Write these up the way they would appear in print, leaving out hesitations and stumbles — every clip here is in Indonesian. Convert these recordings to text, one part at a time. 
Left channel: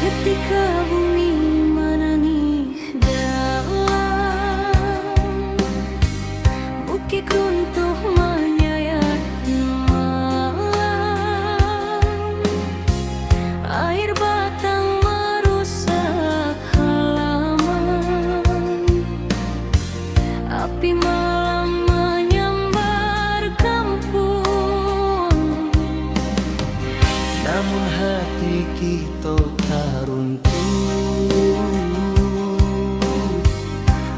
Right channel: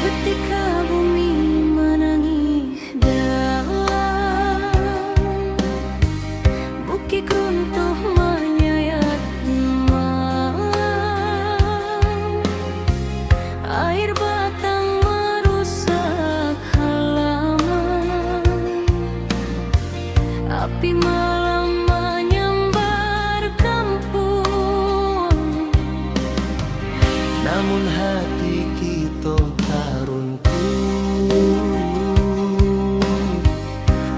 Ketika bumi menangis dalam, bukit runtuh menyayat malam, air batang merusak halaman, api malam menyambar kampung. Namun hati kita tak runtuh,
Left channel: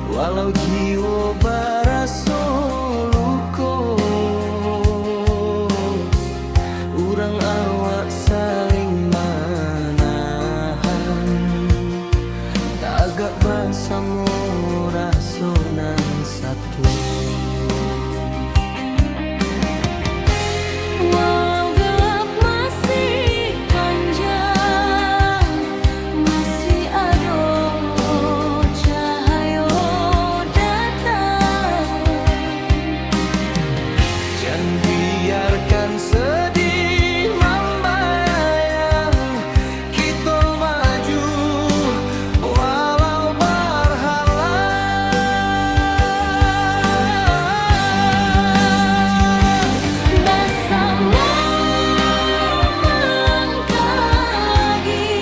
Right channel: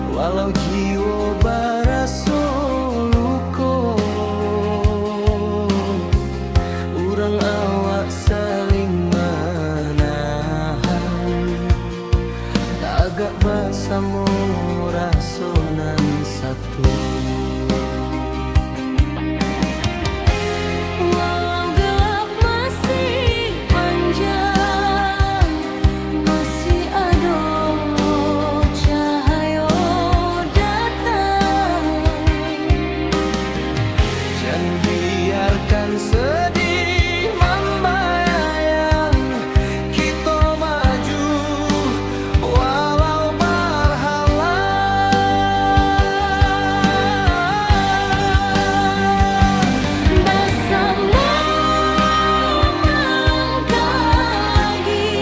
walau jiwa barasa luka. Urang awak saling menahan, tagak bersama rasonan satu. Dan biarkan sedih membayang, kita maju walau berhalang. Bersama melangkah lagi,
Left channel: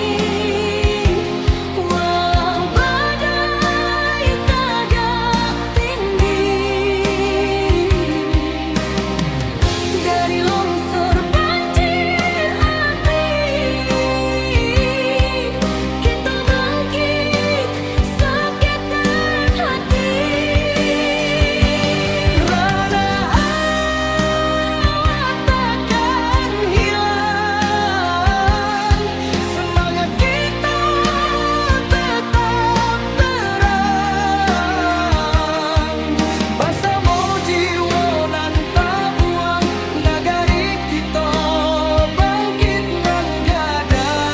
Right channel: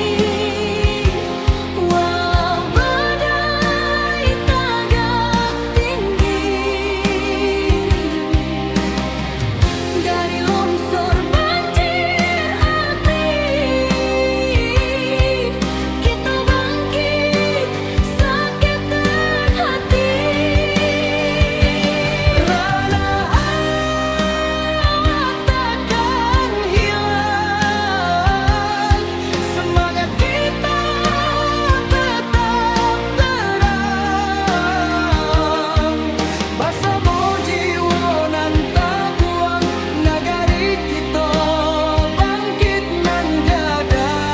walau badai tagak tinggi. Dari longsor banjir api, kita bangkit seketek hati. Rana awak takkan hilang, semangat kita tetap terang. Bersama jiwa nan tak buang, nagari kita bangkit nan gadang.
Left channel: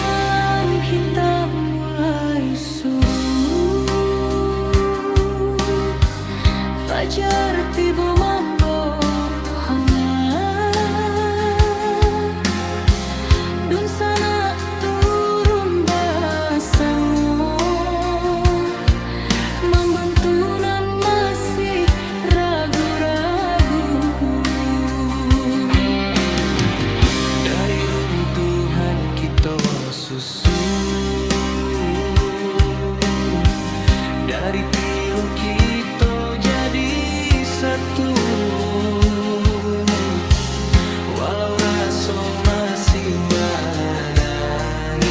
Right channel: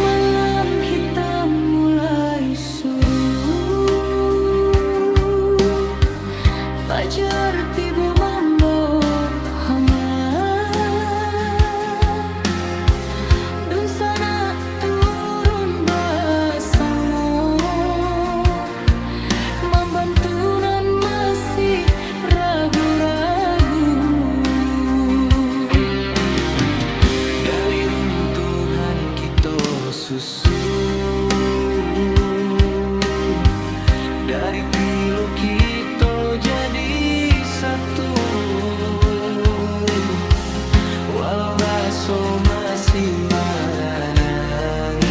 Malam hitam mulai surut, fajar tiba membawa hangat. Dun sana turun bersama, membantu nan masih ragu-ragu. Dari runtuhan kita susun, dari pilu kita jadi satu. Walau rasa masih menangi,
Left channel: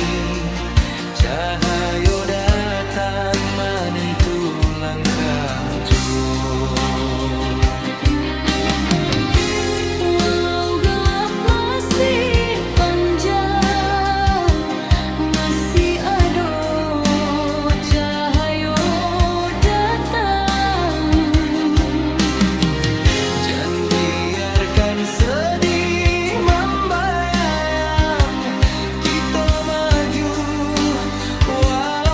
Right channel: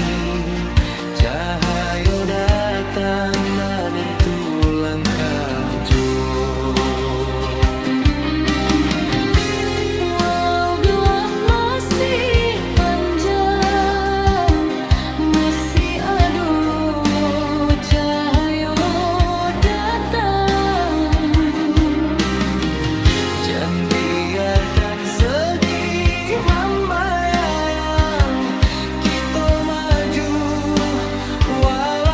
cahaya datang menentu langkah jua. Walau gelap masih panjang, masih ada cahaya datang. Jangan biarkan sedih membayang, kita maju walau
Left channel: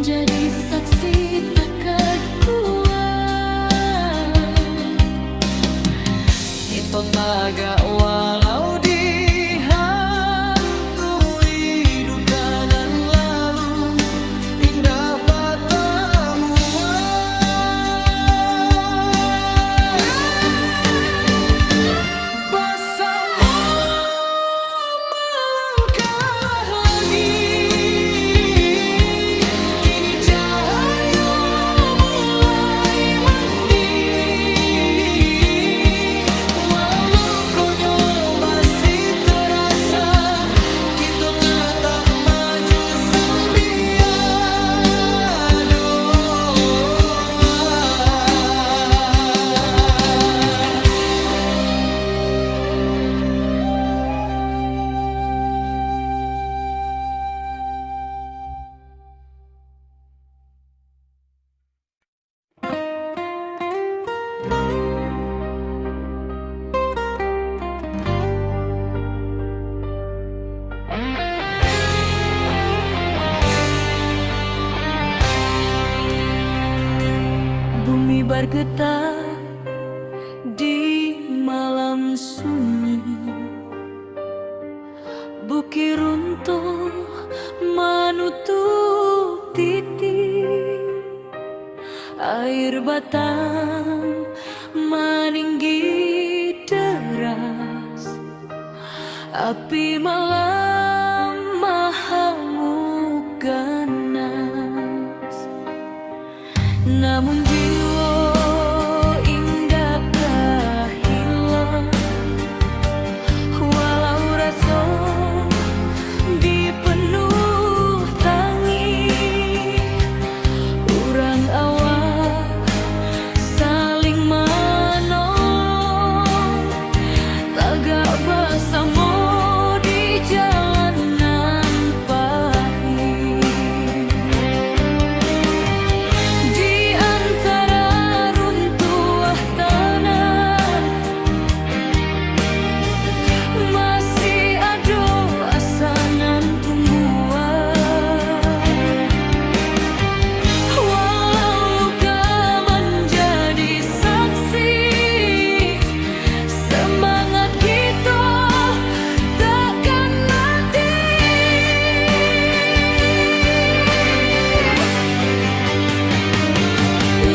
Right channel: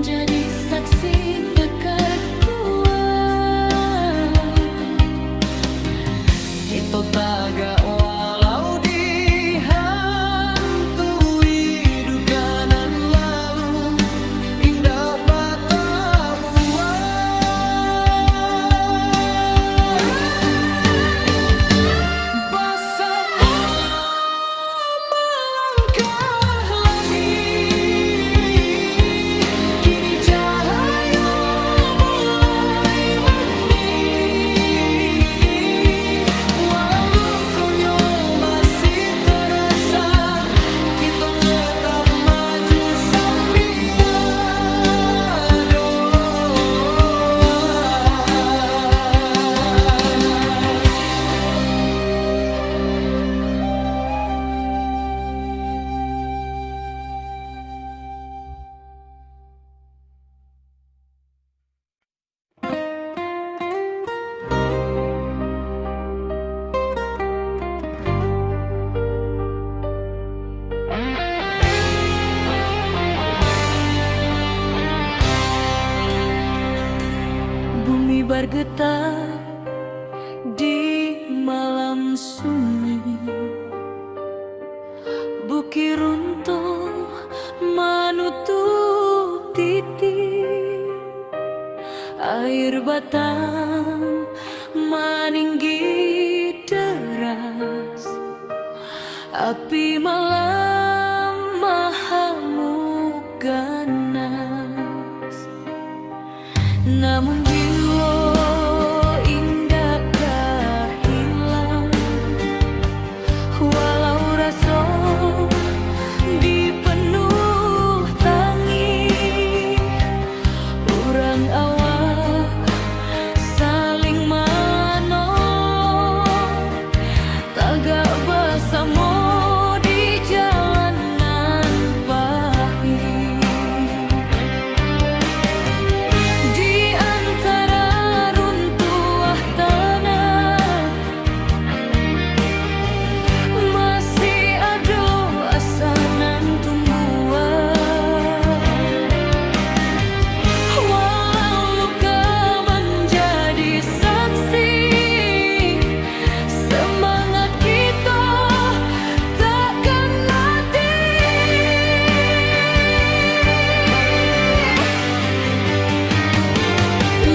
menjadi saksi tekad kuat. Kita tagak walau dihantui duka nan lalu, indah batamu bersama melangkah lagi. Kini cahaya mulai mandi, walau lukonya masih terasa, kita tetap maju sambil doa. Bumi bergetar di malam sunyi, bukit runtuh menutup titik, air batang meninggi deras, api malam mahamuk ganas. Namun jiwa indakkah hilang, walau rasa dipenuh tangi, urang awak saling menolong, tagak bersama di jalanan pahit. Di antara runtuh tanah masih ada asanan tumbuhan, walau luka menjadi saksi, semangat kita takkan mati.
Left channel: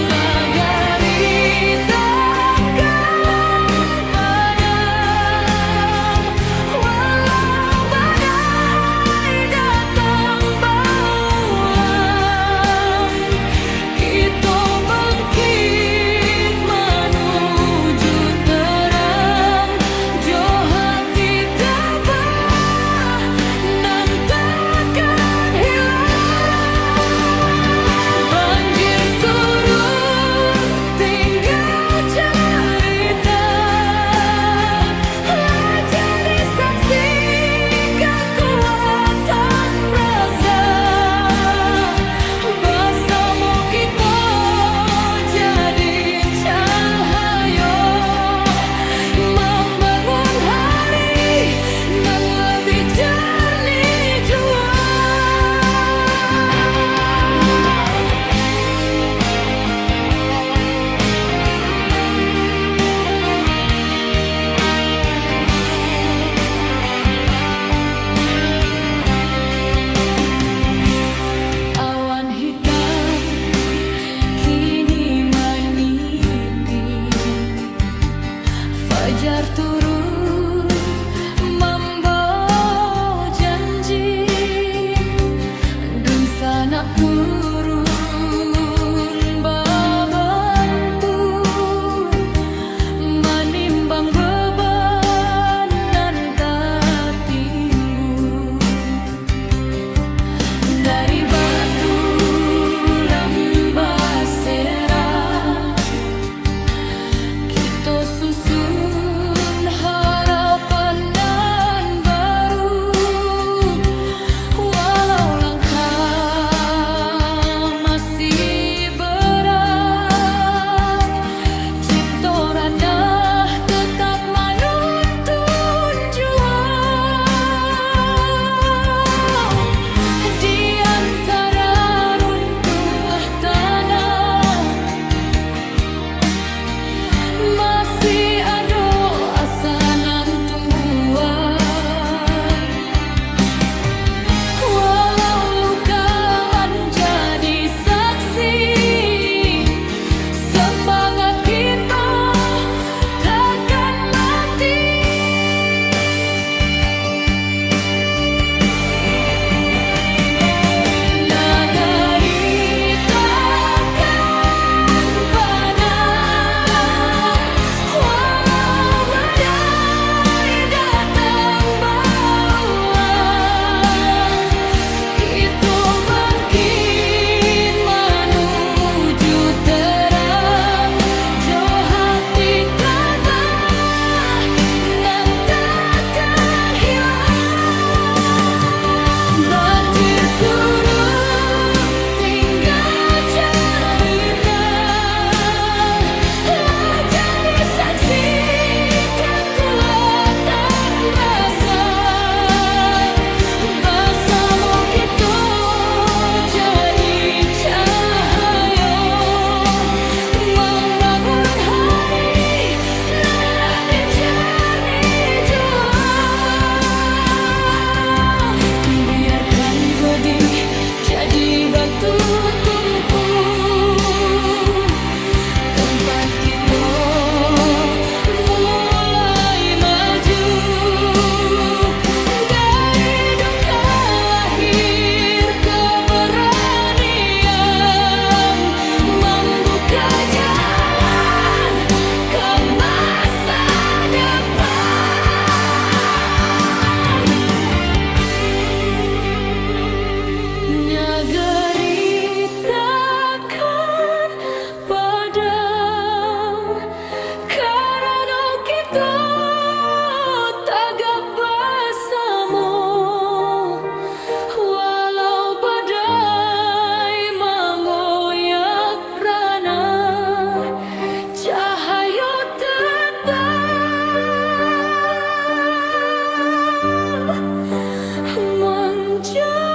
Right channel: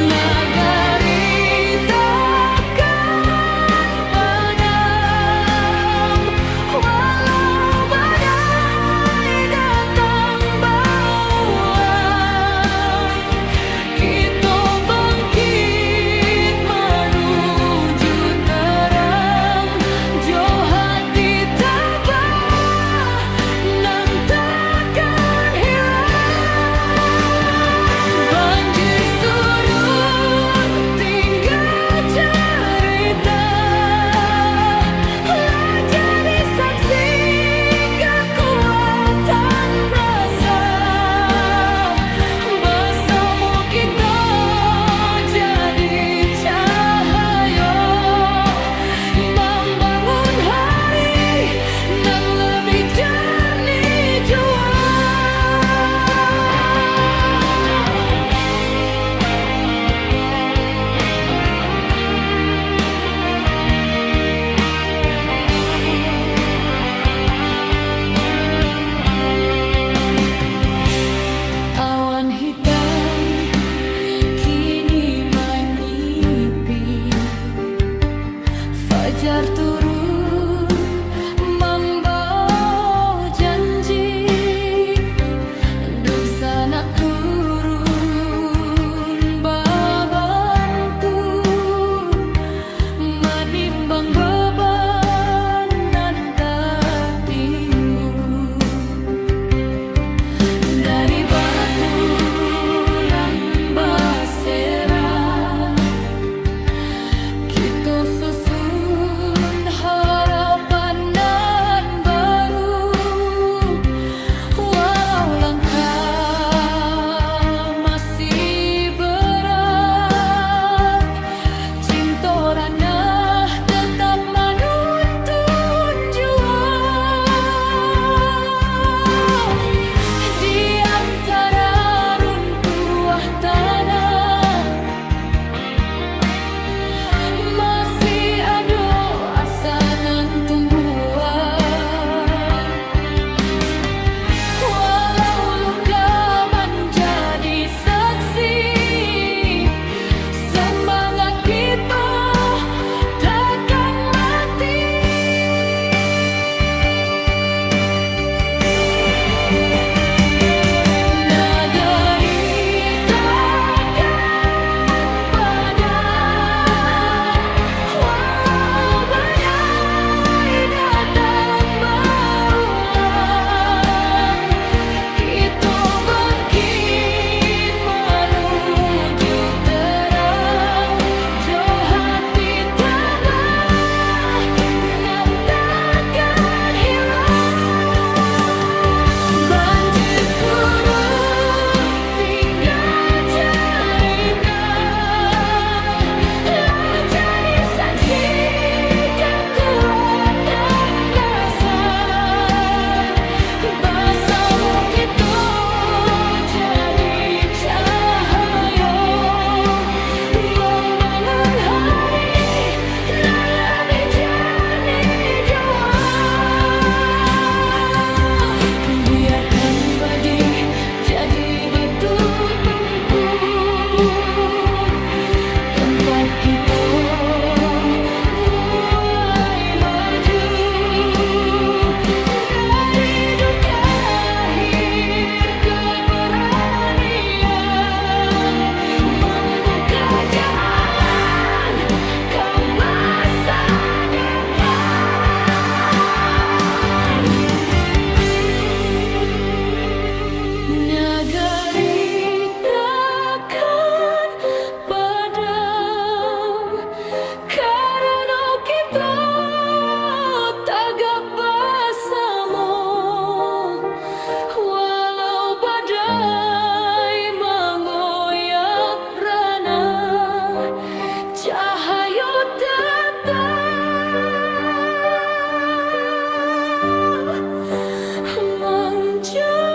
Nagari takkan padam, walau badai datang bauan, kita bangkit menuju terang, jo hati tabah nan takkan hilang. Banjir surut tinggal cerita, jadi saksi kekuatan rasa, bersama kita jadi cahaya, membangun hari nan lebih jernih jua. Awan hitam kini menyipi, fajar turun membawa janji, dun sanak turun babantu, menimbang beban nan tak tinggu. Dari batu lambasera kita susun harapan nan baru, walau langkah Negeri takkan padam karena kita tagak bersama. Walau badai mengoyak rana, cahaya tetap menjadi.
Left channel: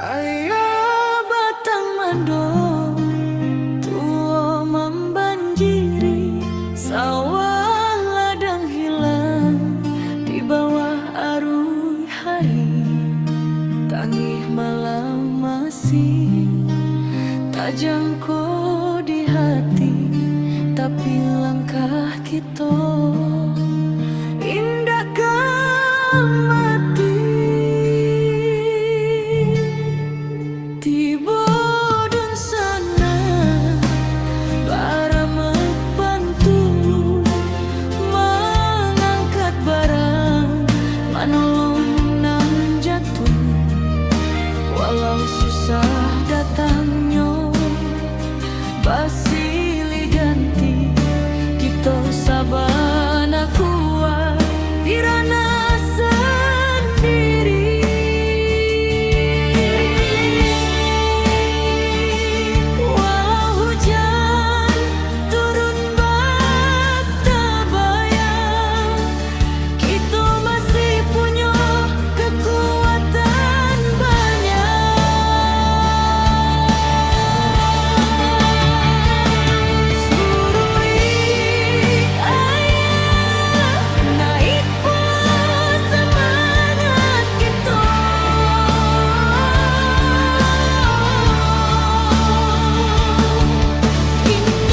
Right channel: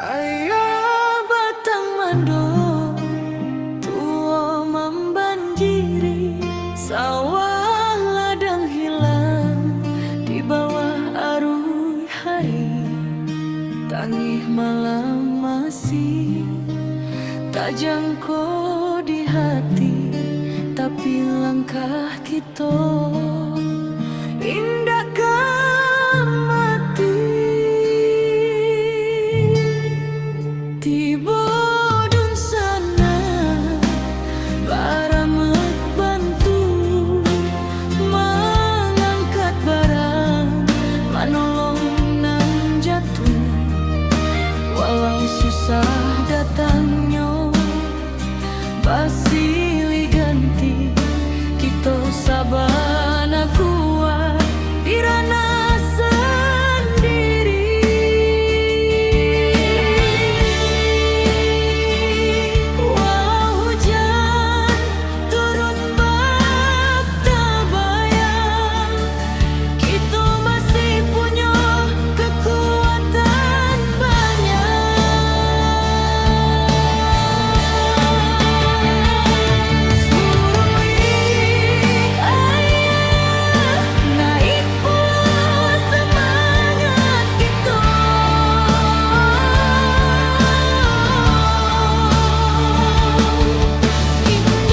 Ayo batang mando tua membanjiri, sawah ladang hilang di bawah arus hari. Tangih malam masih tak jangkau di hati, tapi langkah kita indahkan mati. Tiba dun sana baramek bantu mengangkat barang, manolong nang jatuh. Walau susah datangnya basilih ganti, kita sabana kuat dirana sendiri. Walau hujan turun bak tabayang, kita masih punya kekuatan banyak. Surui ayah naik pula semangat kita. Indah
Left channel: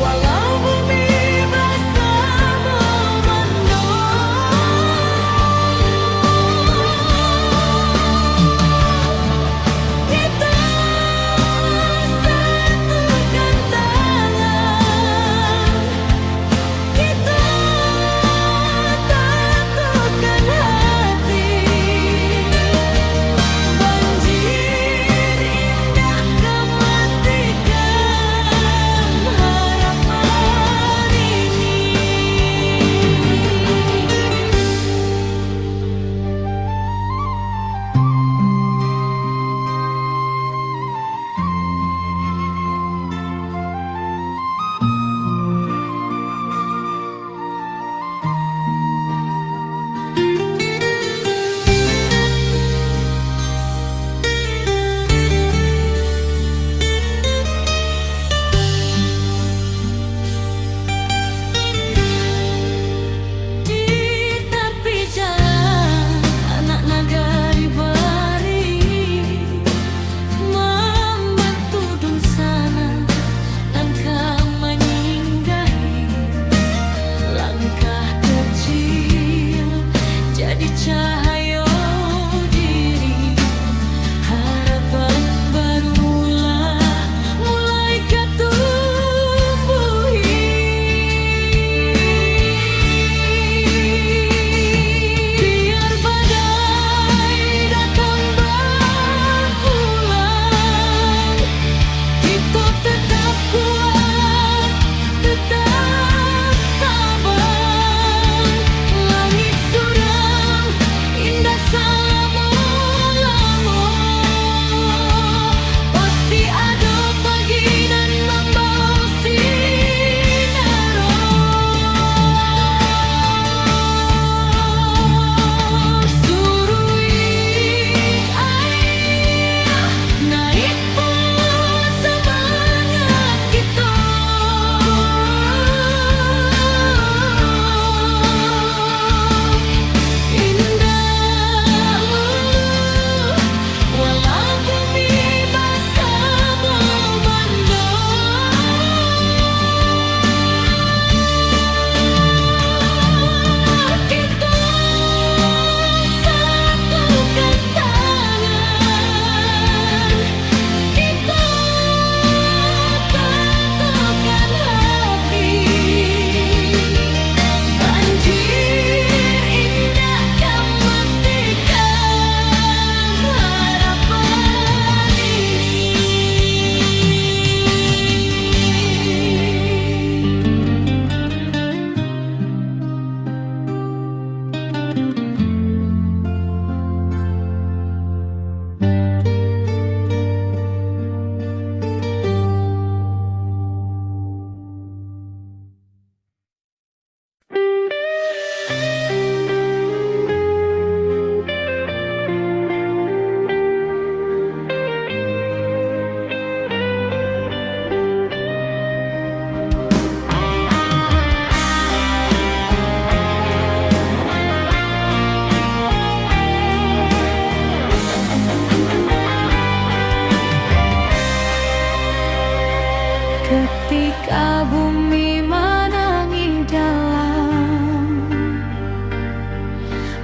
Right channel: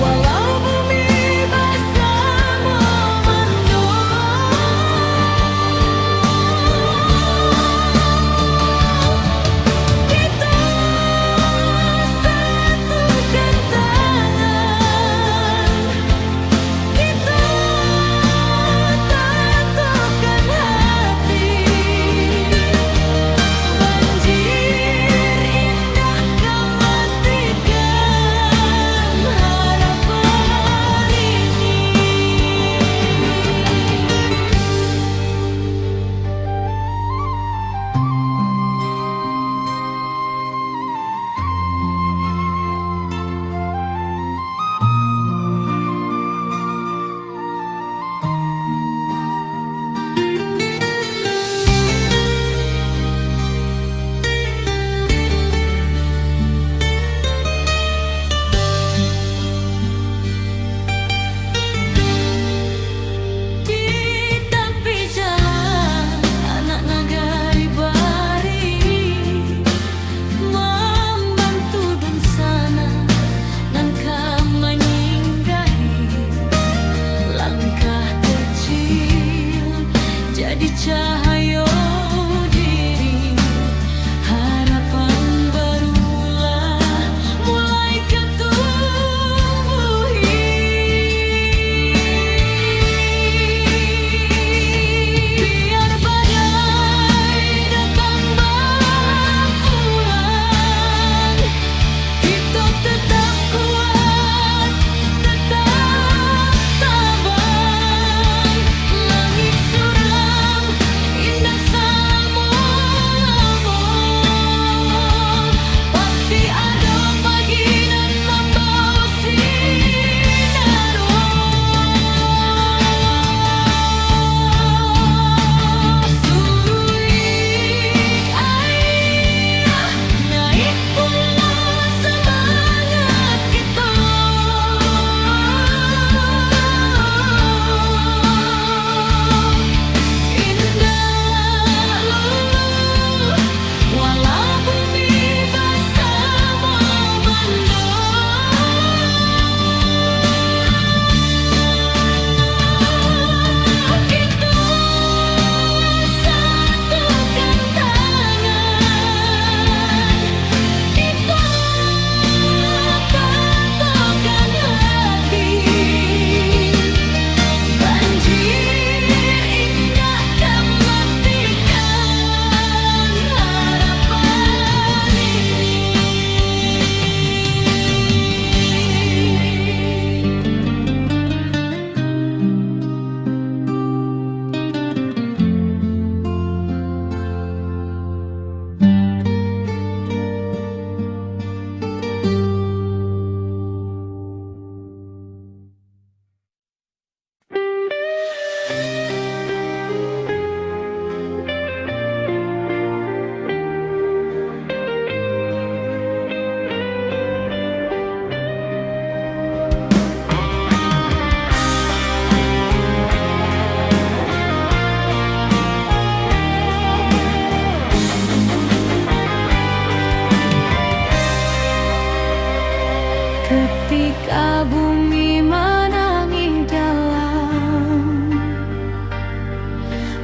walau bumi basah memandung, kita satukan tangan, kita tatukan hati. Banjir indah kematikan harapan ini. Di tepi jalan anak nagari bari membantu dun sana nangka menyinggahi. Langkah kecil jadi cahaya diri, harapan barulah mulai ketumbuhi. Biar badai datang berulang, kita tetap kuat, tetap tabang. Langit suram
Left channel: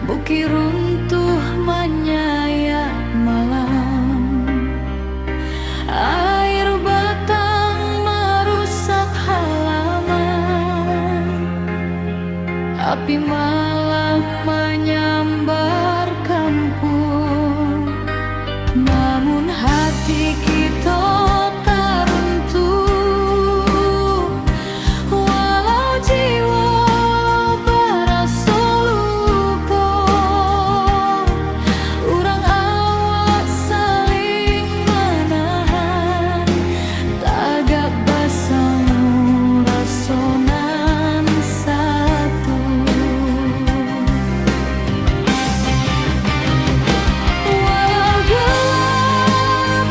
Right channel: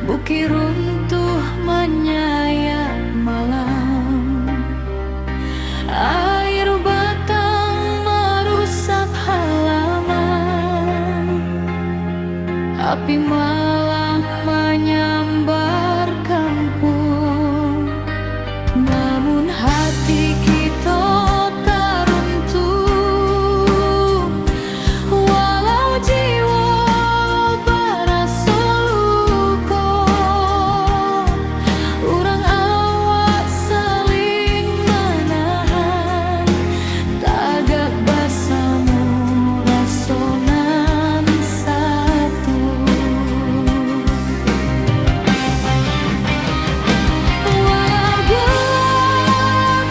bukit runtuh menyayat malam, air batang merusak halaman, api malam menyambar kampung. Namun hati kita tak runtuh, walau jiwa berasa luka. Urang awak saling menahan, tagak basamu rasonan satu. Walau gelap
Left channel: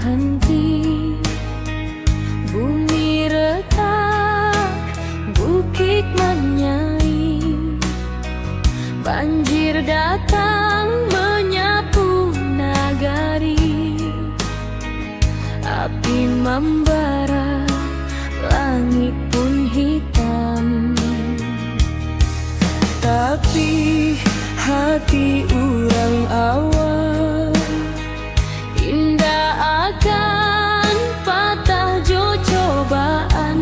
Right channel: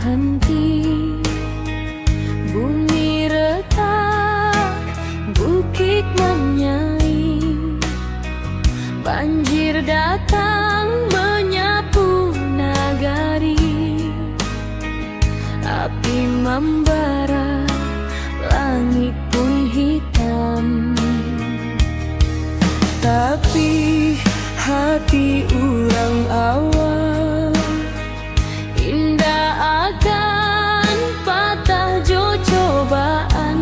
henti. Bumi retak, bukit menyai, banjir datang menyapu nagari. Api membara, langit pun hitam. Tapi hati orang awam indah akan patah jo cobaan.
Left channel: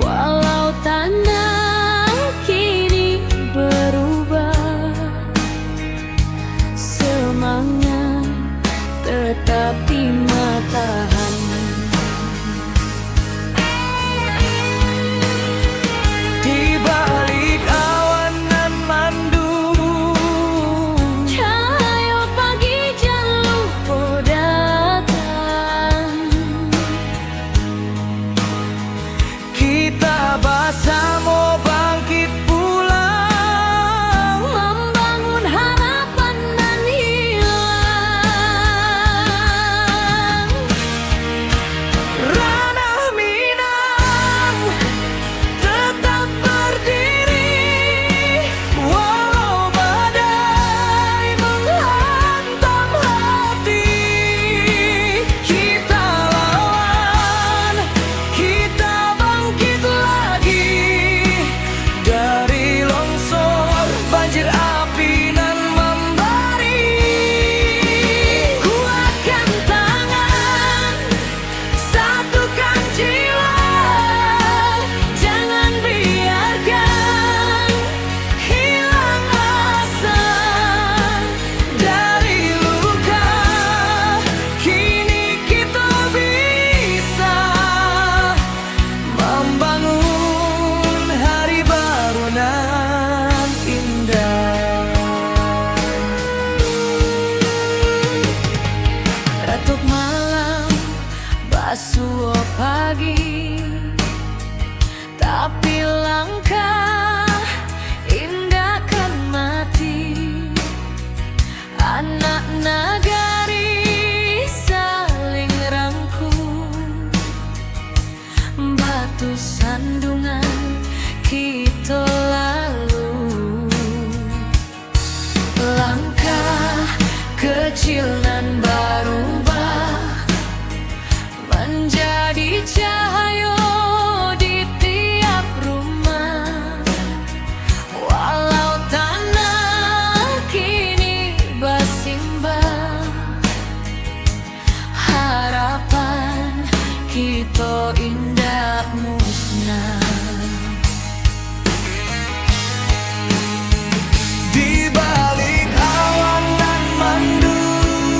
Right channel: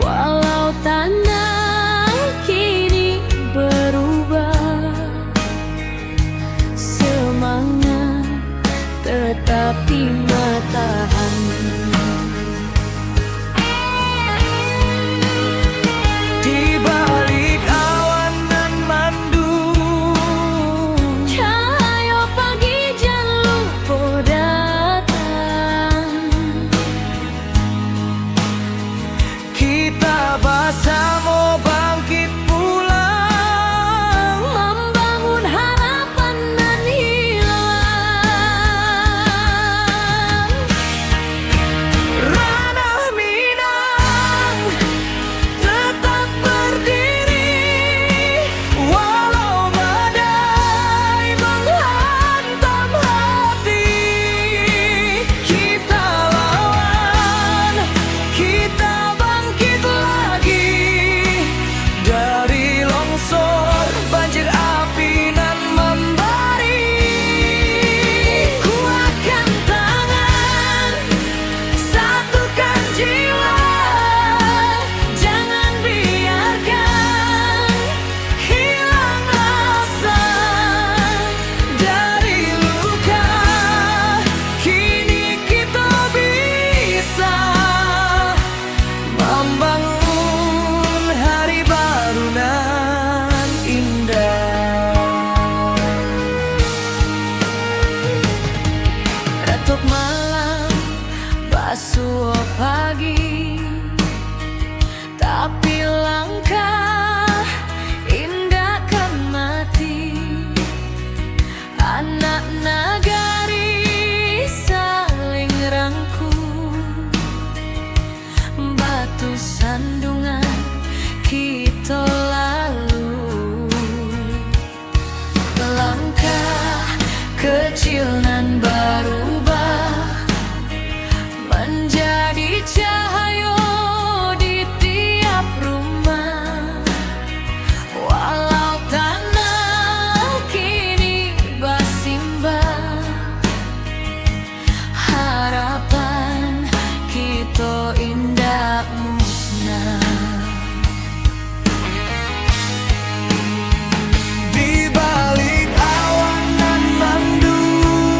Walau tanah kini berubah, semangat tetap di matahan. Di balik awan nan mandung, Cahaya pagi jan lupa datang. kita bersama bangkit pulang, Membangun harapan nan hilang. ranah Minang tetap berdiri, walau badai menghantam hati. Kita lawan, kita bangkit lagi dari longsor, banjir api nan membari. Kuatkan tangan, satukan jiwa, jangan biarkan hilang asa. Dari luka kini kita bisa membangun hari baru nan indah. Retuk malam, basuh pagi, tapi langkah indah kan mati. Anak nagari saling rangkul, batu sandungan kita lalu. Langkah kecil nan berubah menjadi cahaya di tiap rumah. Walau tanah kini bersimbah, harapan kita indah musnah. Di balik awan nan mandung,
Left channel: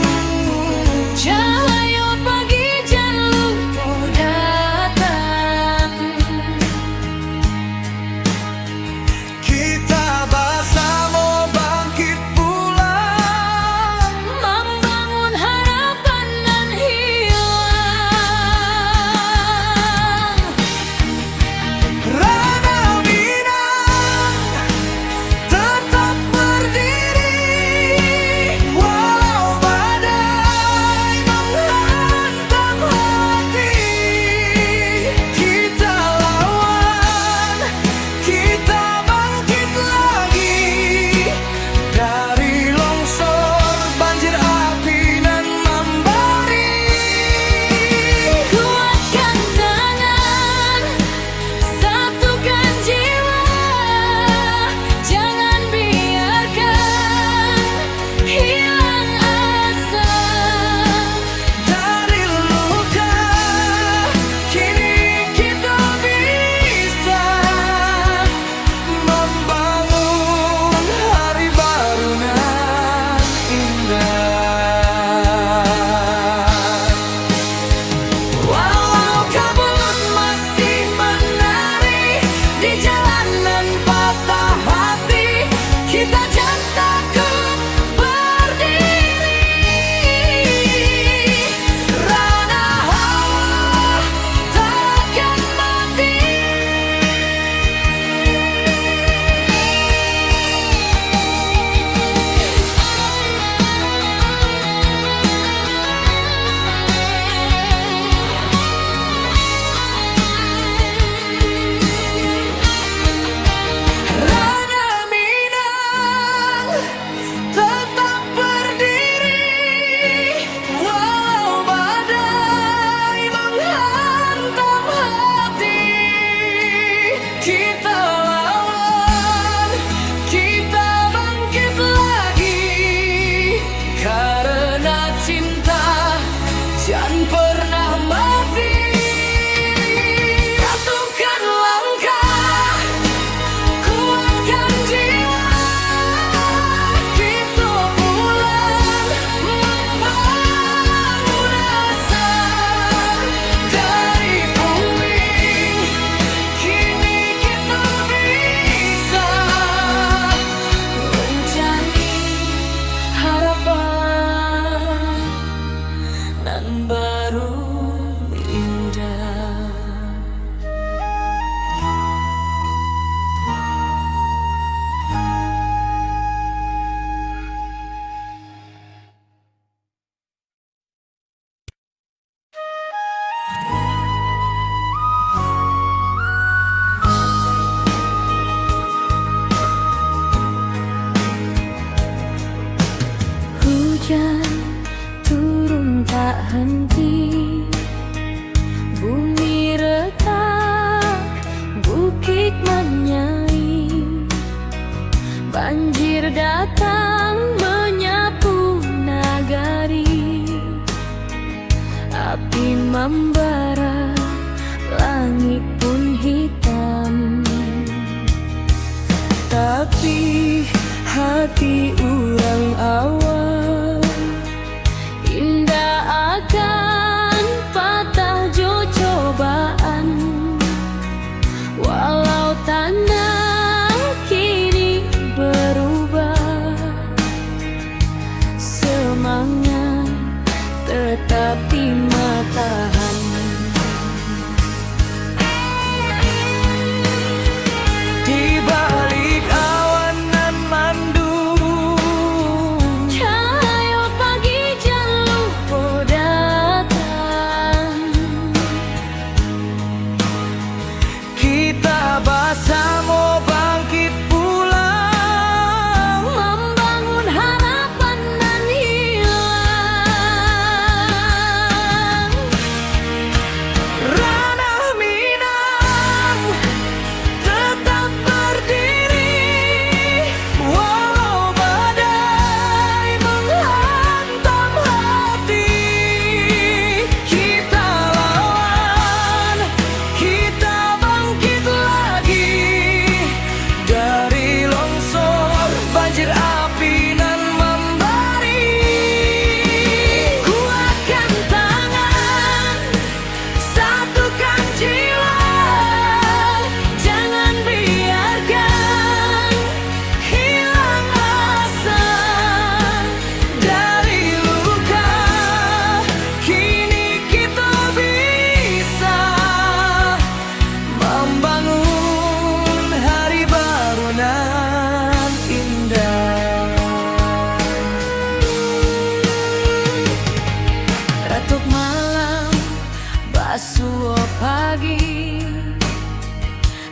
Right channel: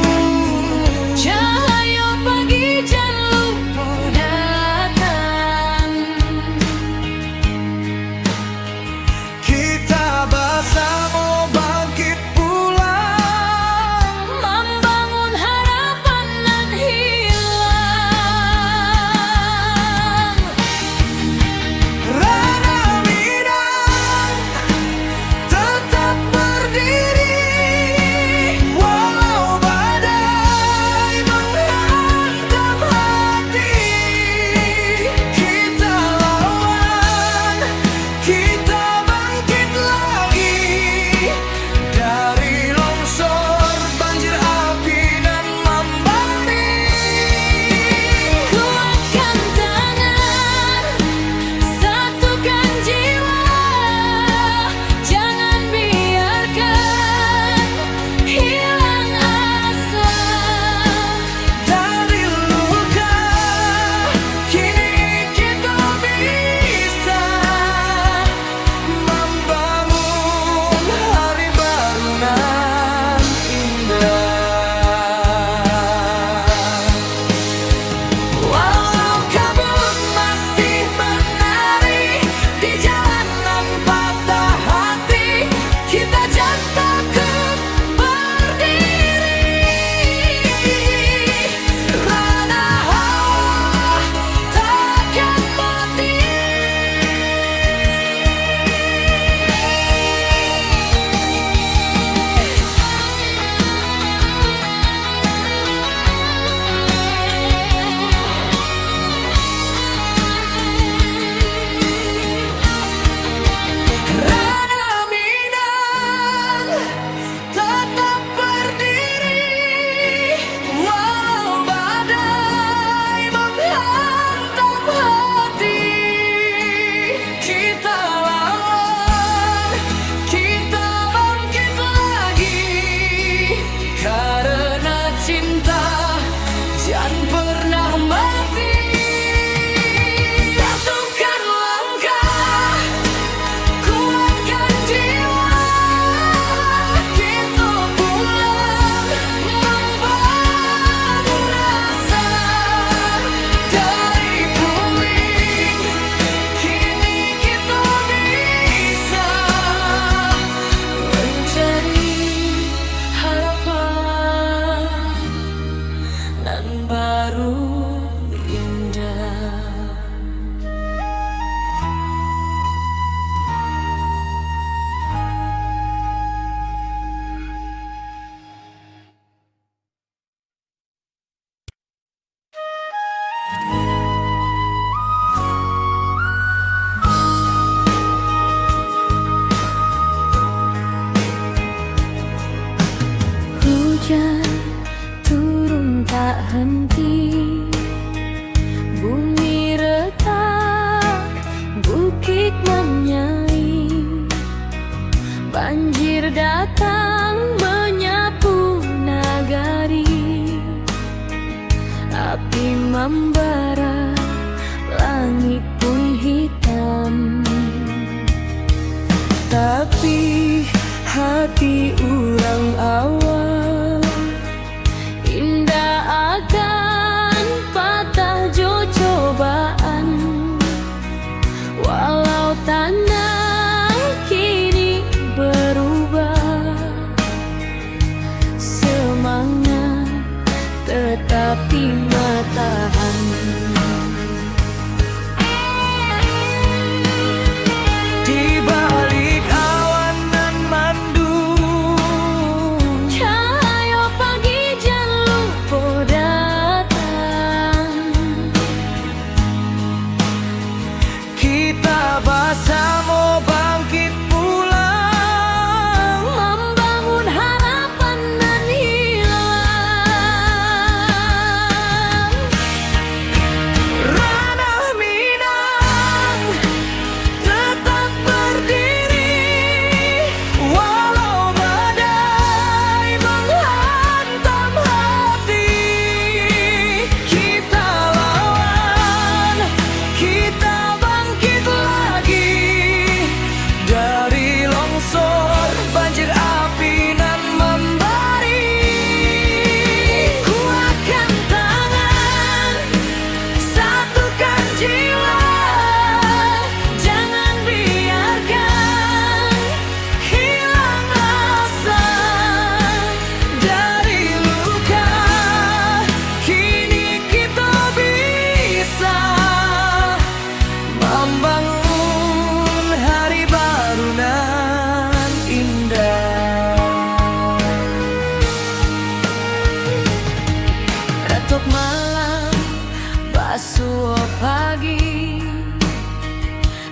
tak henti. Bumi retak, bukit menyai, banjir datang menyapu nagari. Api membara, langit pun hitam. Tapi hati urang awal indah akan patah jo cobaan. Walau tanah kini berubah, semangat tetapi matahan. Di balik awan nan mandung, Cahaya pagi jan lupa datang. kita bersama bangkit pulang, Membangun harapan nan hilang. ranah Minang tetap berdiri, walau badai menghantam hati. Kita lawan, kita bangkit lagi dari longsor, banjir api nan membari. Kuatkan tangan, satukan jiwa, jangan biarkan hilang asa. Dari luka kini kita bisa membangun hari baru nan indah. Retuk malam, basuh pagi,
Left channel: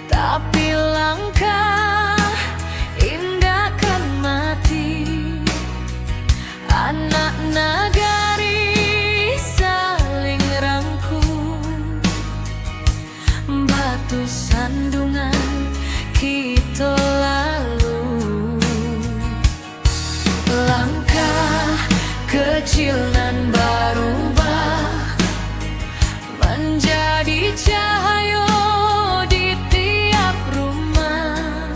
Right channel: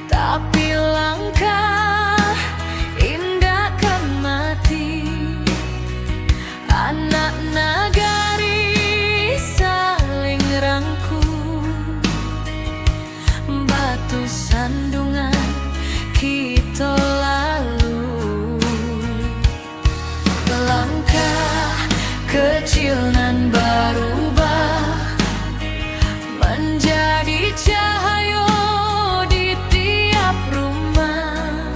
tapi langkah indah kan mati. Anak nagari saling rangkul, batu sandungan kita lalu. Langkah kecil nan berubah menjadi cahaya di tiap rumah.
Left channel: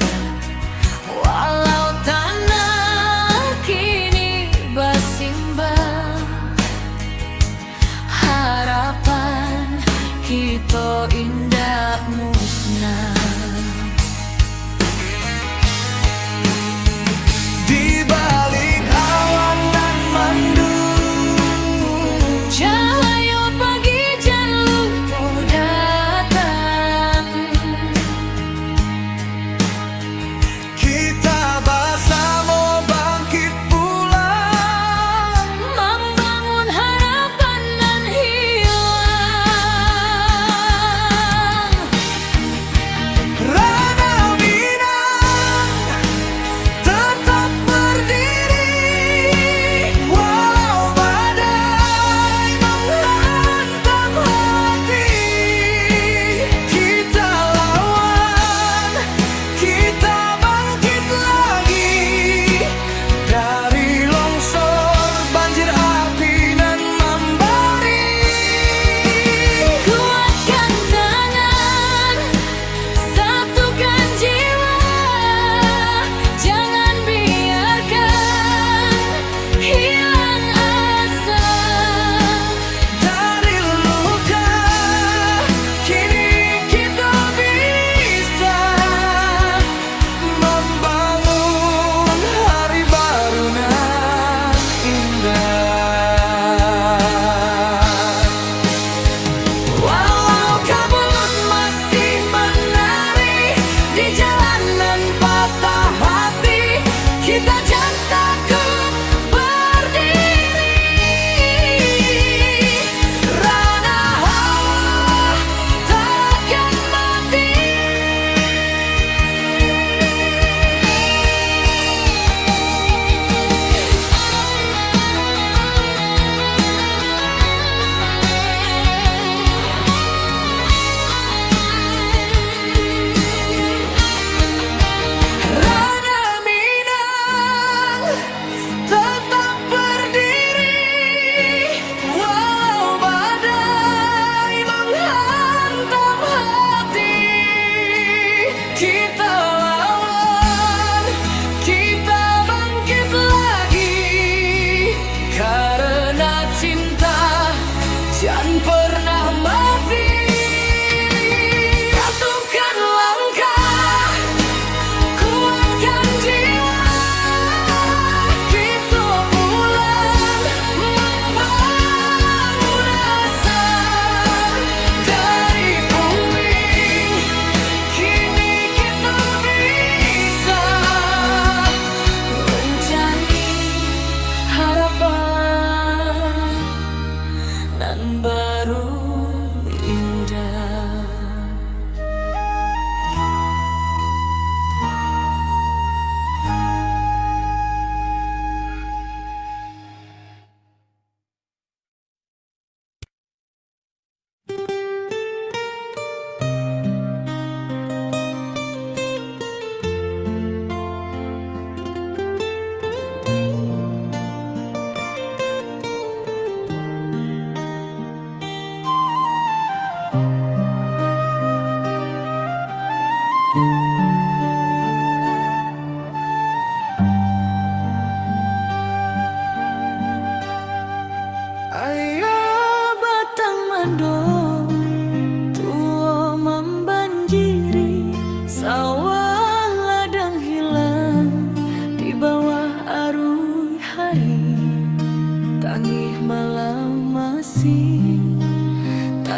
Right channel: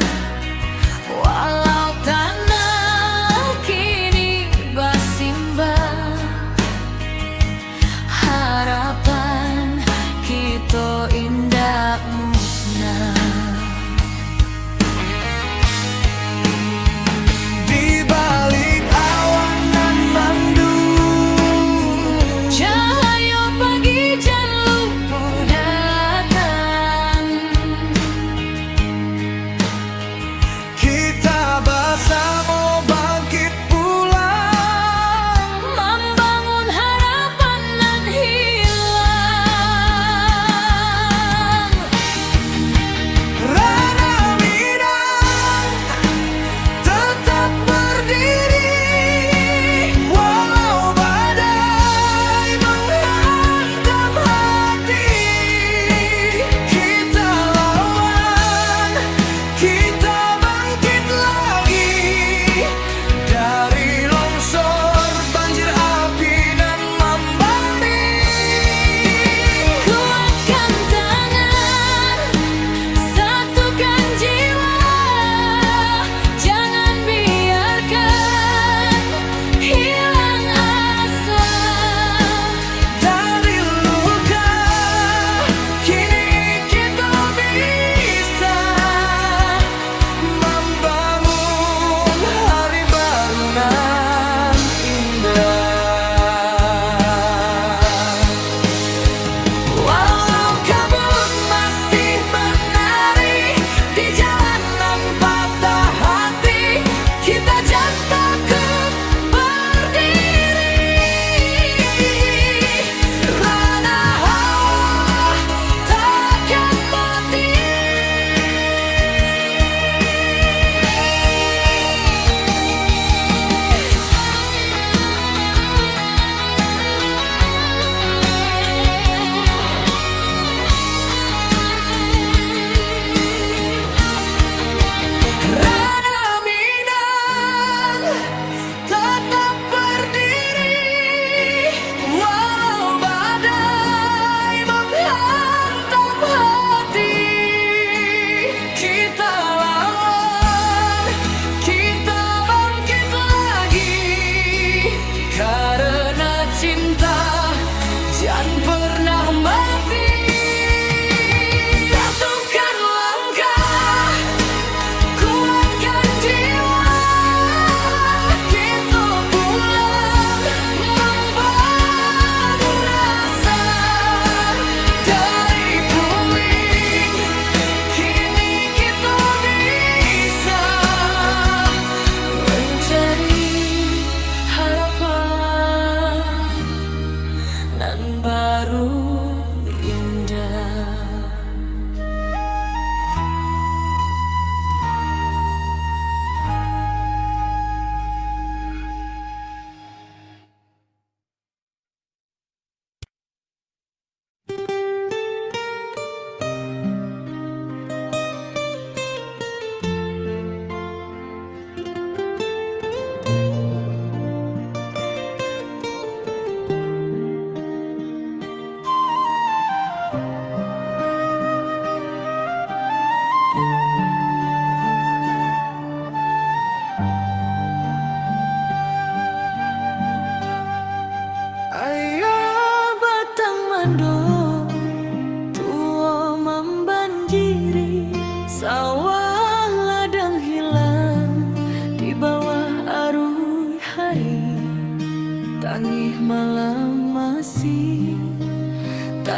Walau tanah kini bersimbah, harapan kita indah musnah. Di balik awan nan mandung,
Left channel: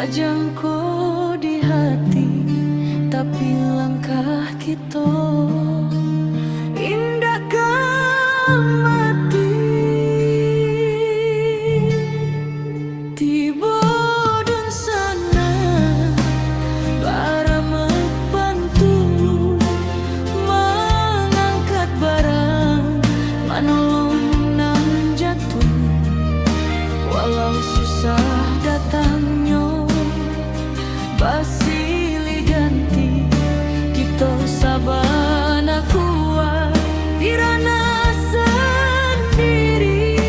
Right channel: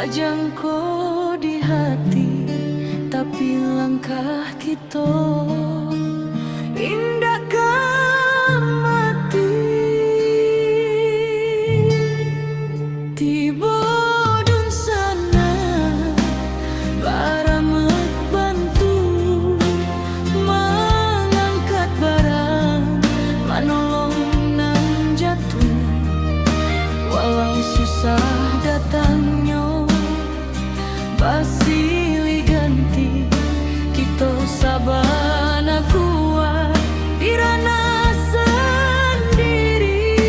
Sajangko di hati, tapi langkah kita indah mati. Tiba dun sana baramek bantu mengangkat barang, manolong nan jatuh. Walau susah datangnya basili ganti, kita sabana kuat dirana sendiri.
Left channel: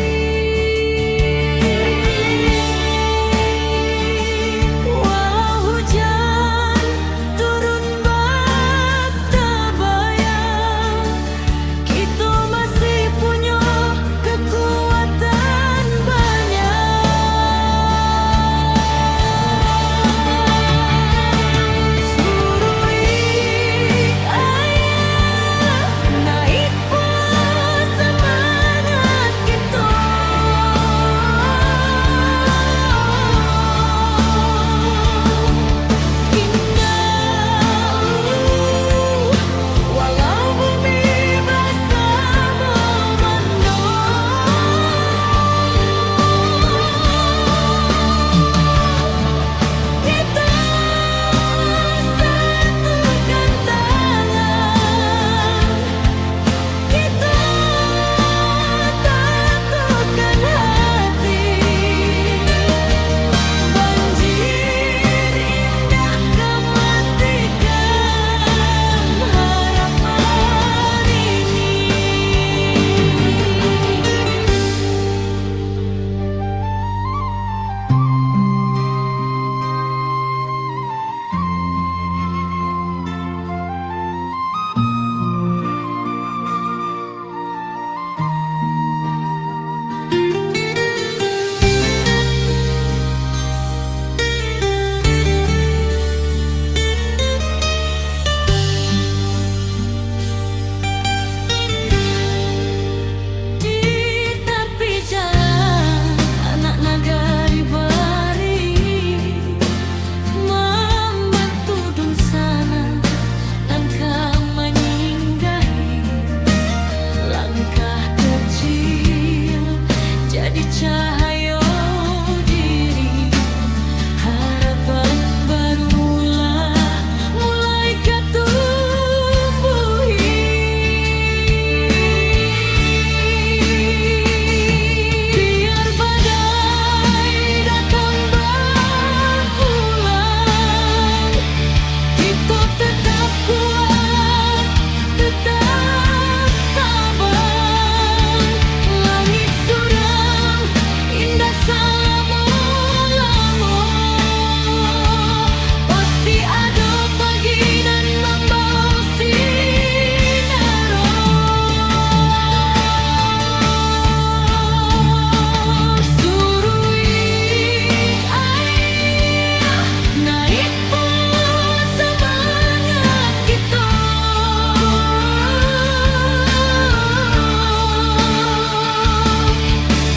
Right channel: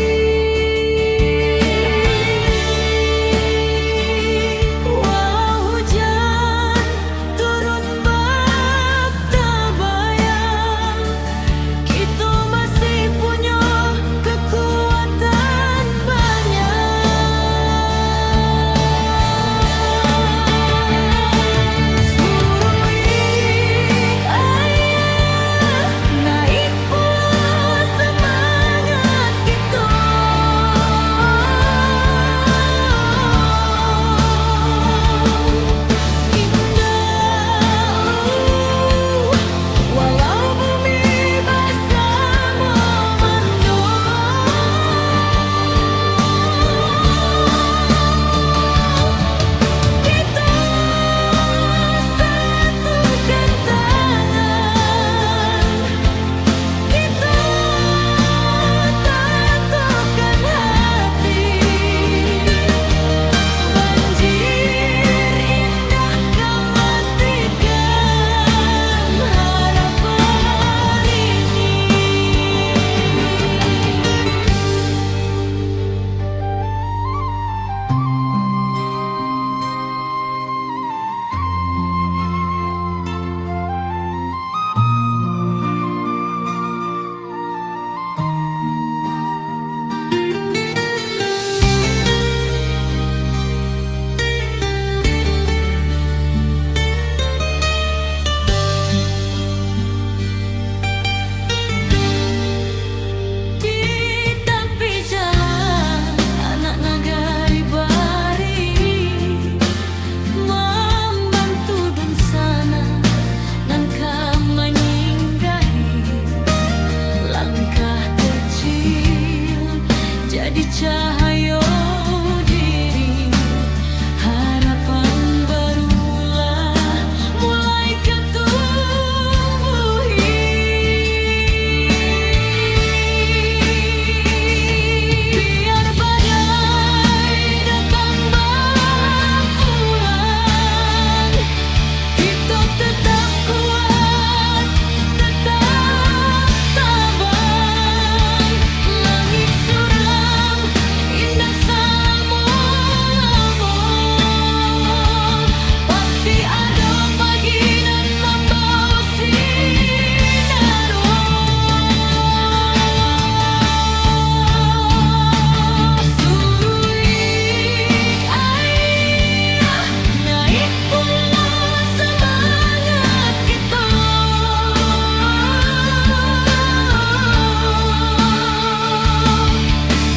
Walau hujan turun bak tabayang, kita masih punya kekuatan banyak. Surui ayah naik pula semangat kita. Indah walau bumi basah memandang, kita satukan tangan, kita tatukan hati. Banjir indah kematikan harapan ini. Di tepi jalan anak nagari bari membantu dun sana nan menyinggahi. Langkah kecil jadi cahaya diri, harapan barulah mulai ketumbuhi. Biar badai datang berulang, kita tetap kuat, tetap tabang. Langit suram indah selama-lama, pasti ada pagi nan membawa sinaro. Surui ayah naik pula semangat kita.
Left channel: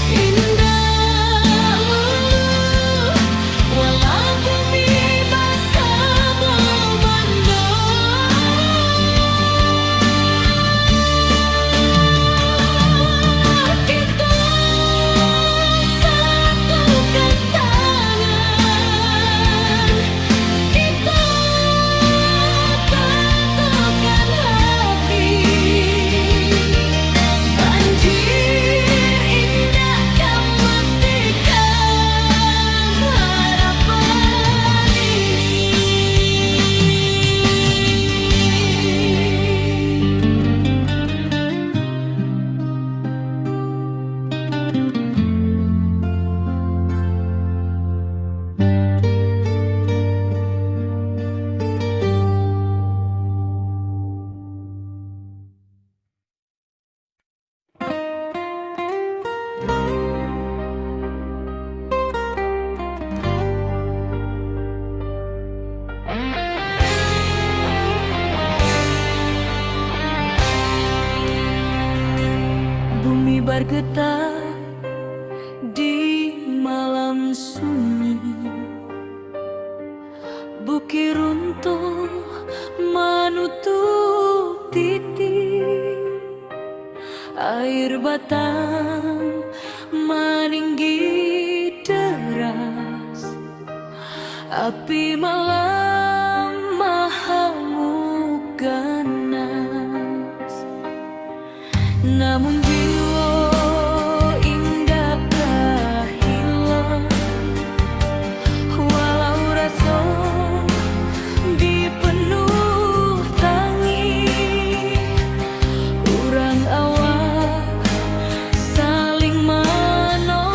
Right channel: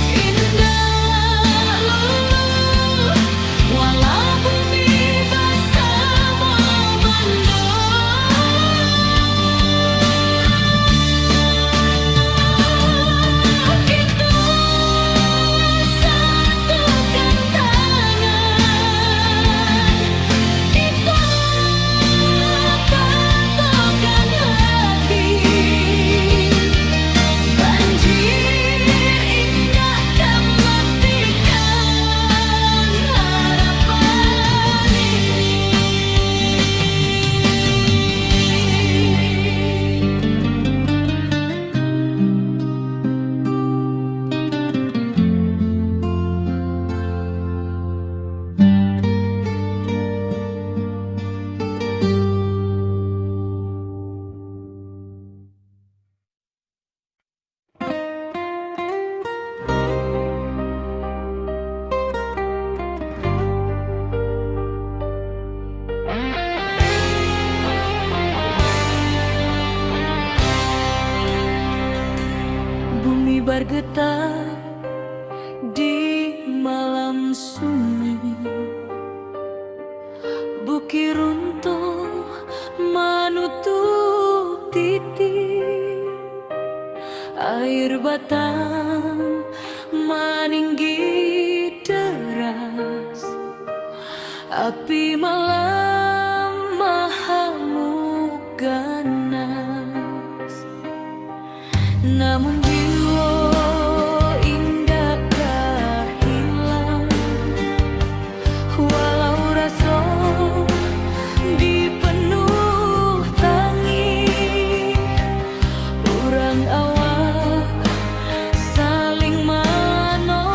Indah lulu walau bumi basah memandang, kita satukan tangan, kita tatukan hati. Banjir indah kematikan harapan ini. Bumi bergetar di malam sunyi, Bukit runtuh menutup titik, air batang meninggi deras, api malam mahamuk ganas. Namun jiwa indah tak hilang, walau rasa dipenuh tangi. Urang awak saling menolong,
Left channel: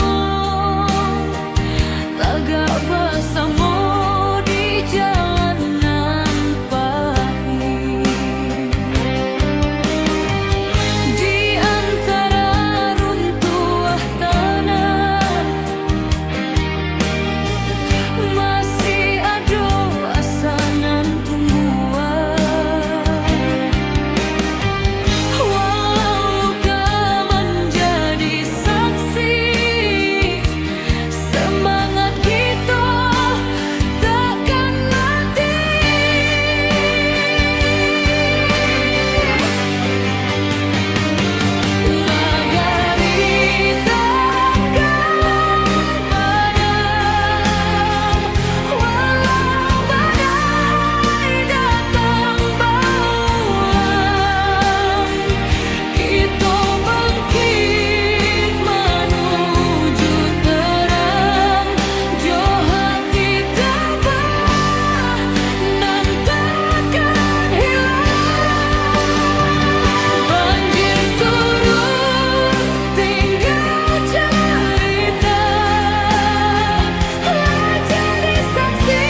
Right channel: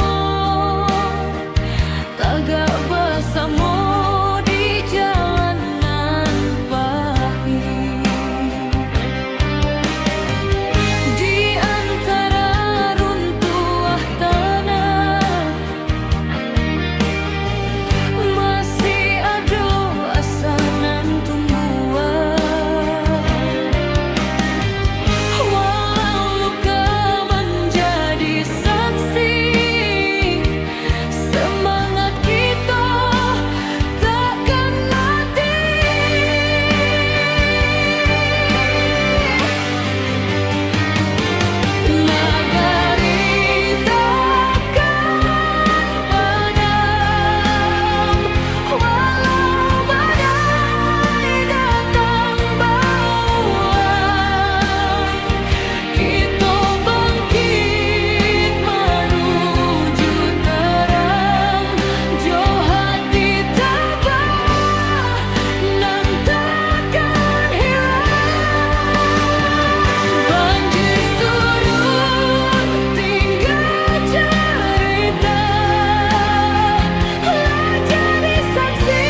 tagak bersama di jalanan pahit. Di antara runtuh tanah masih ada asanan tumbuhan. Walau luka menjadi saksi, semangat kita takkan mati. Nagari takkan padam, walau badai datang bauan. Kita bangkit menuju terang, jo hati tabah nan takkan hilang. Banjir surut tinggal cerita, jadi saksi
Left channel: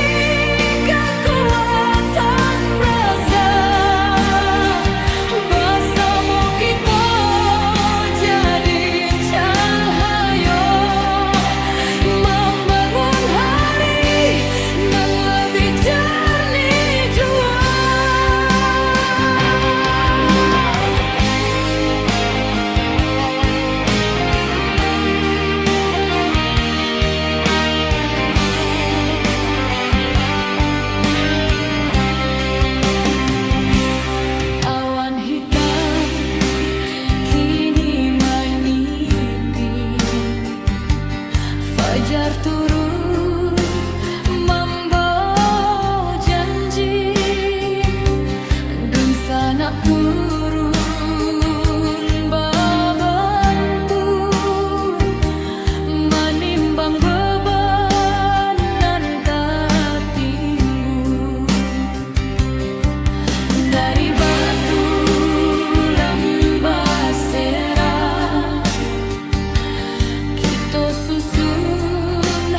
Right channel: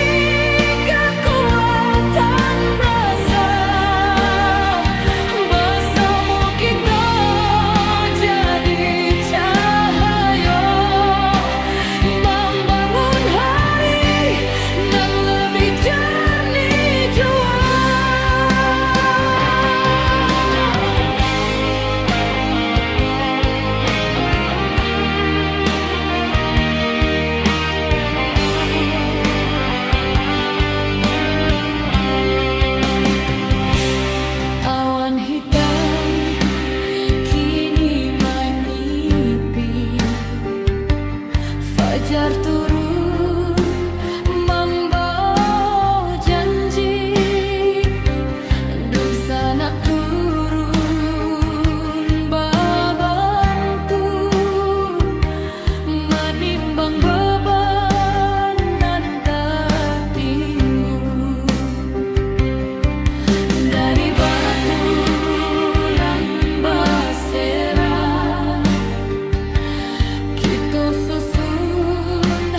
kekuatan rasa. Bersama kita jadi cahaya, membangun hari nan lebih jernih jua. Awan hitam kini menyipi, fajar turun membawa janji, dan sanak turun babantu menimbang beban nan tak tinggu. Dari batu lambasera kita susun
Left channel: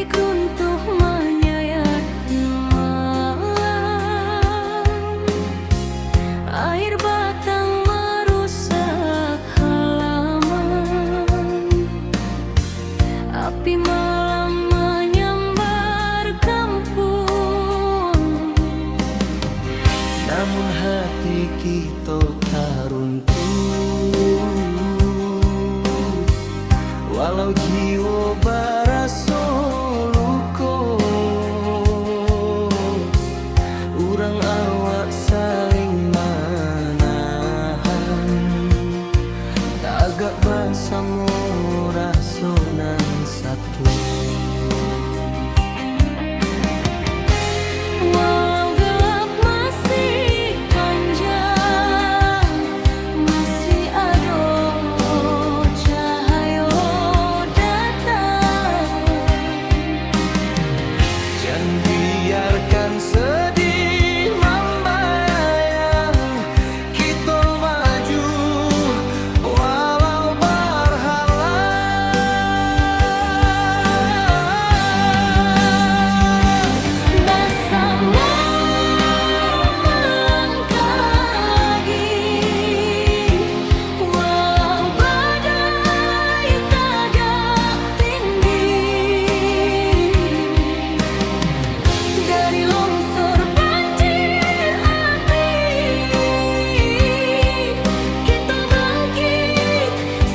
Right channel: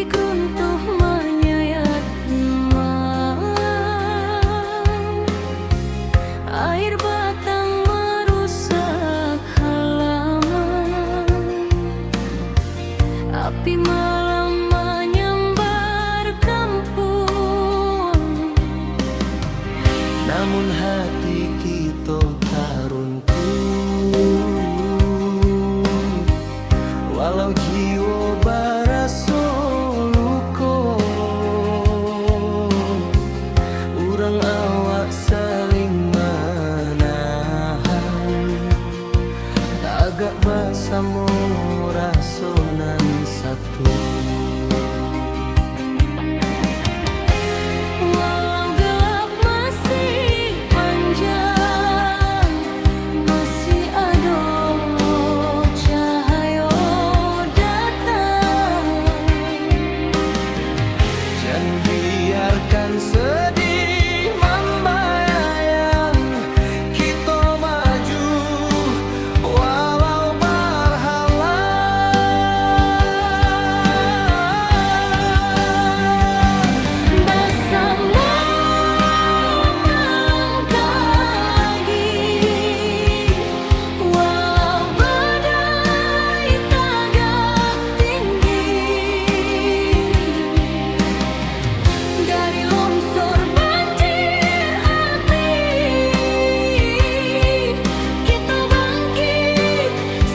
Tekik runtuh menyayat malam, air batang merusak halaman, api malam menyambar kampung. Namun hati kita tak runtuh, walau jiwa baraso luko. Urang awak saling menahan, tagak basamo rasonan satu. Walau gelap masih panjang, masih ada cahaya datang. Jangan biarkan sedih membayang, kita maju walau berhalang. Bersama melangkah lagi, walau badai tagak tinggi. Dari longsor banjir api, kita bangkit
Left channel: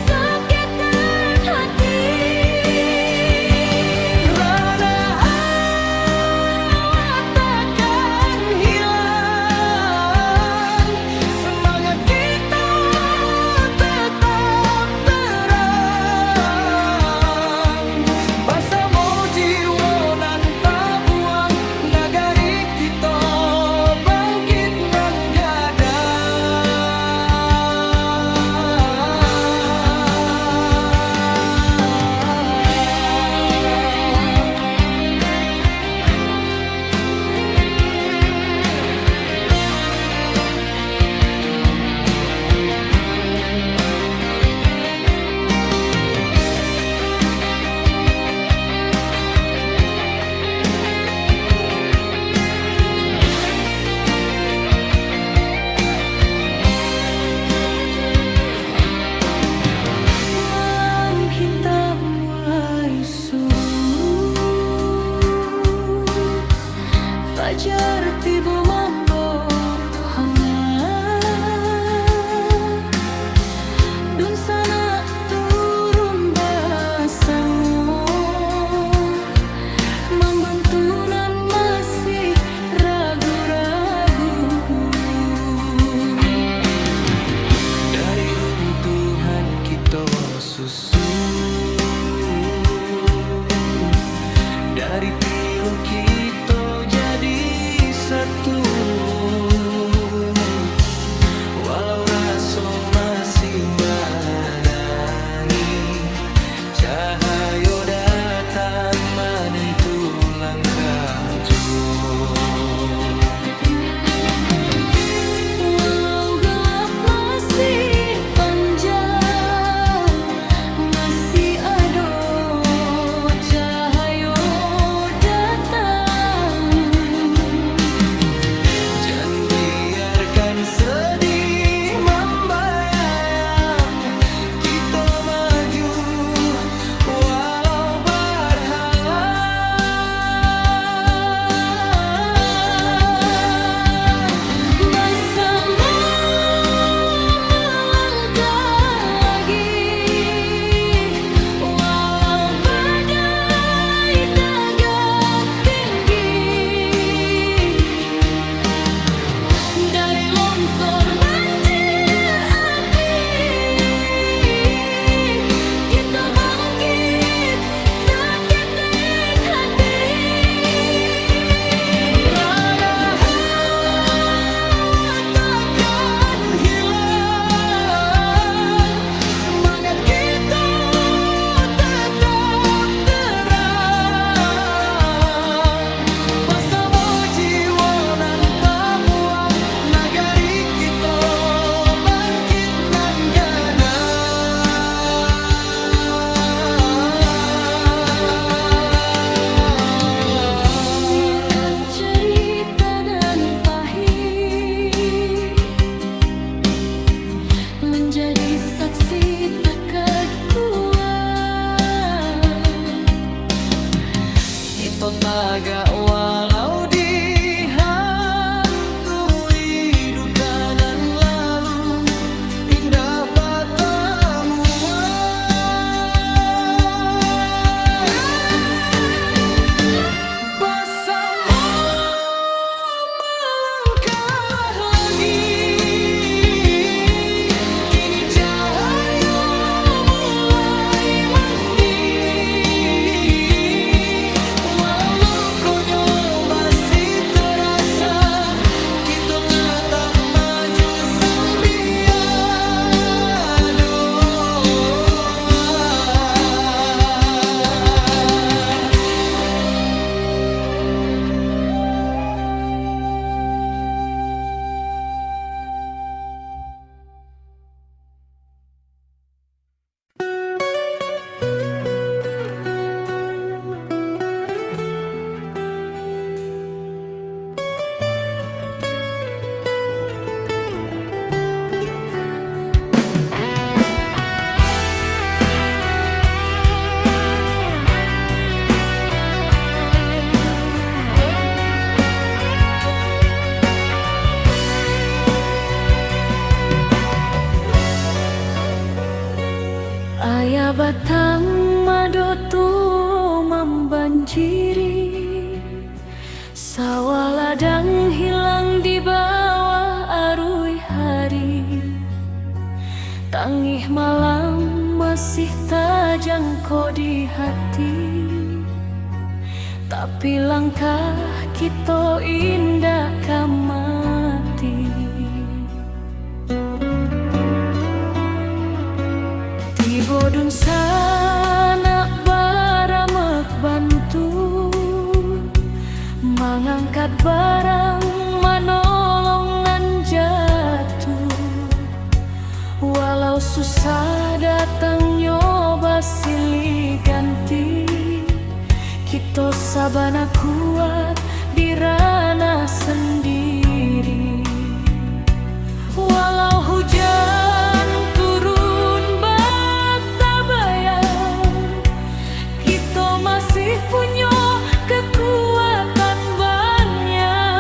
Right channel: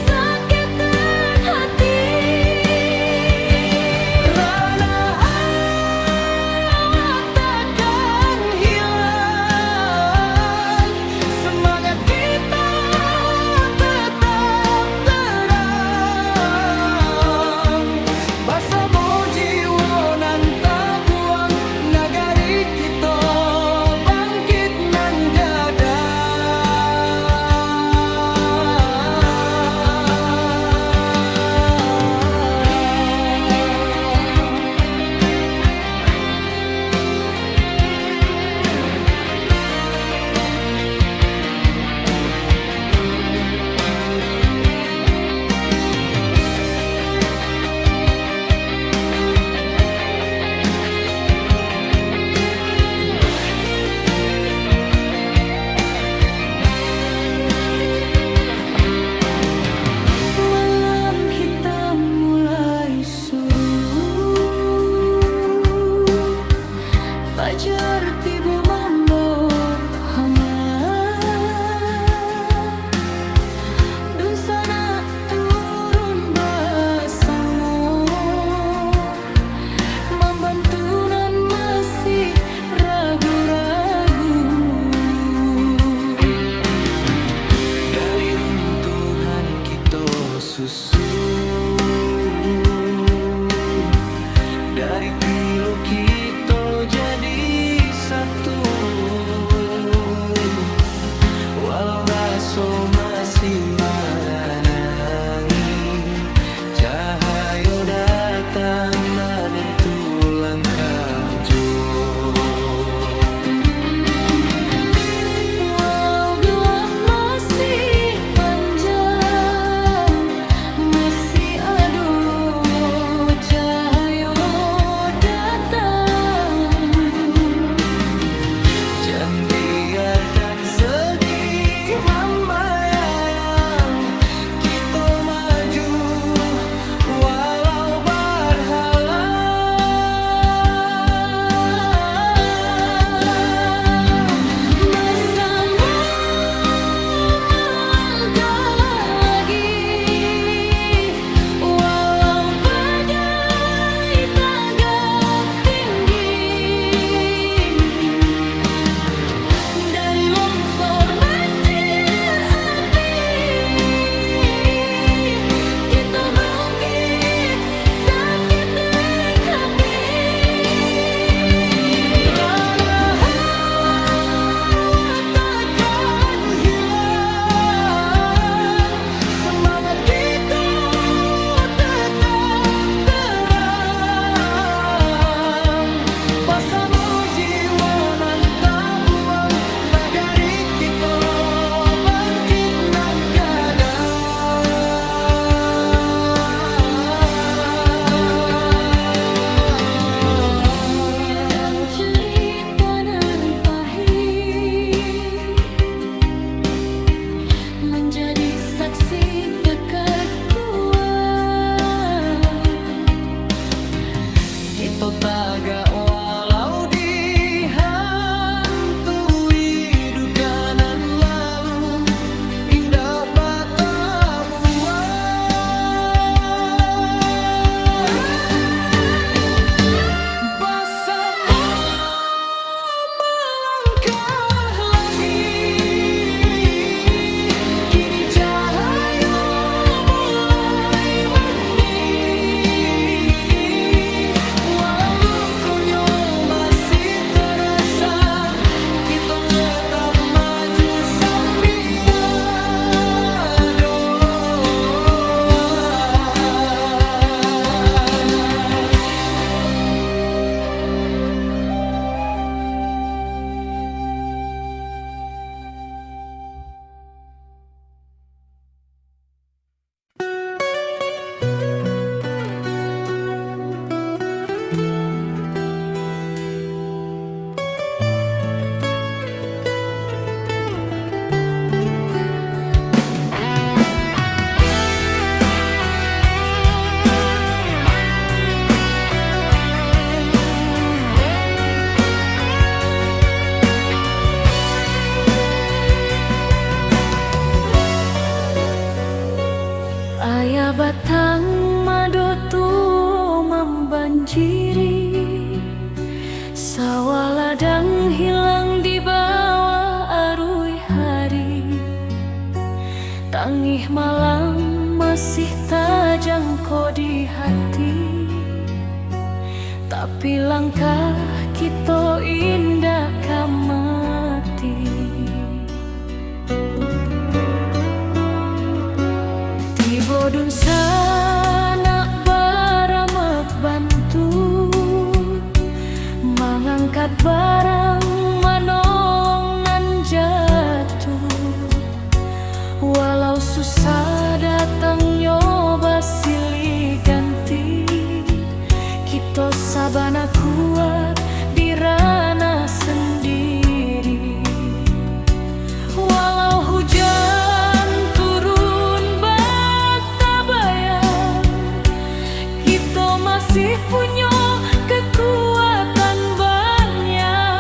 seketek hati. Rana awak takkan hilang, semangat kita tetap terang. Basamo jiwa nan tabuang, nagari kita bangkit nan gadang. Malam hitam mulai surut, fajar tiba membawa hangat. Dun sana turun basamo, membantu nan masih ragu-ragu. Dari runtuhan kita susun, dari pilu kita jadi satu. Walau raso masih menangi, cahaya datang menentu langkah jua. Walau gelap masih panjang, masih ada cahaya datang. Jangan biarkan sedih membayang, kita maju walau berhalang. Ito taga walau dihantui dukanan lalu indah batamuan bersama melangkah lagi kini cahaya mulai mendiri walau lukonya masih terasa kita tetap maju sambil doa. Ayah batang madotu membanjiri, sawah ladang hilang di bawah arus hari. Tangih malam masih terjangkau di hati, tapi langkah kita indah kamati. Bodun sana baramek bantu mengangkat barang manolong nan jatuh walau susah datang nyoba silih ganti kita sabana kuat di ranah sendiri walau hujan turun kita masih punya kekuatan banyak.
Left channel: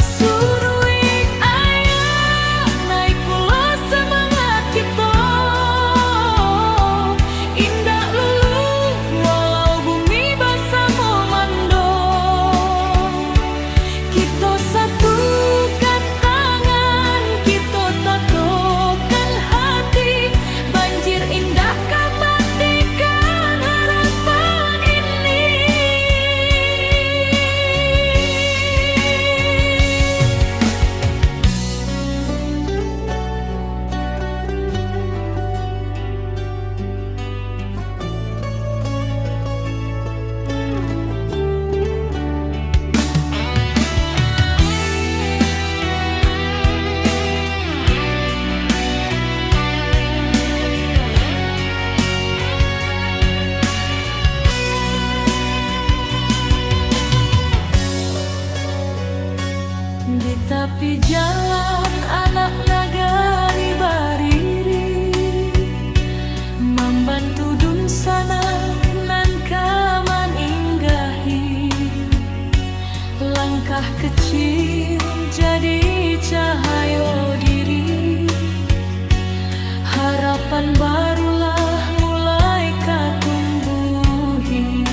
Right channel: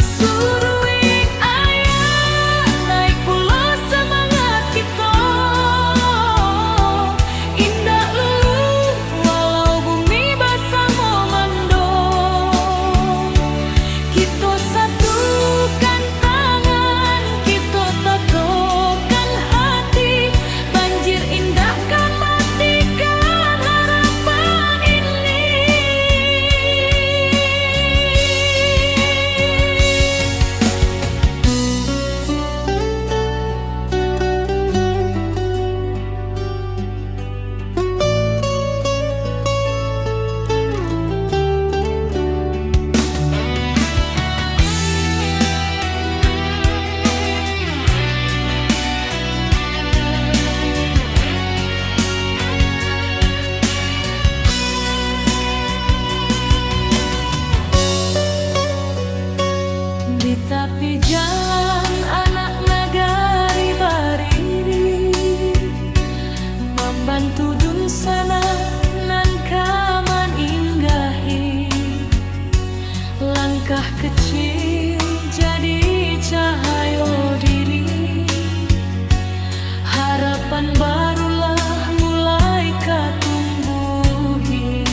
Suruik ayah naik pula semangat kita, indah lulu walau bumi basah memando. Kita satukan tangan, kita tatokan hati, banjir indah matikan harapan ini. Di tepi jalan anak nagari bariri membantu dun sana nan kaman inggahi langkah kecil jadi cahaya diri harapan barulah mulai katumbuhi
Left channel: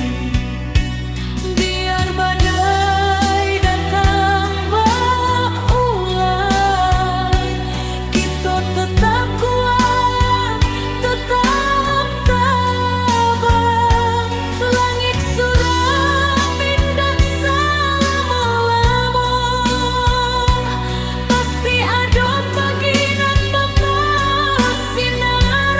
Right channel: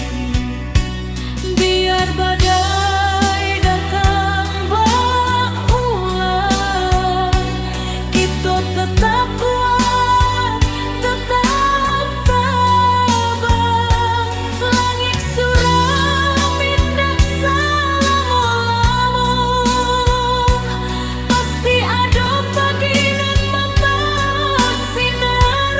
biar badai datang tetap kuat, tetap tabah. Langit suram indak salamo-lamo, pasti ada pagi nan membawa sinar.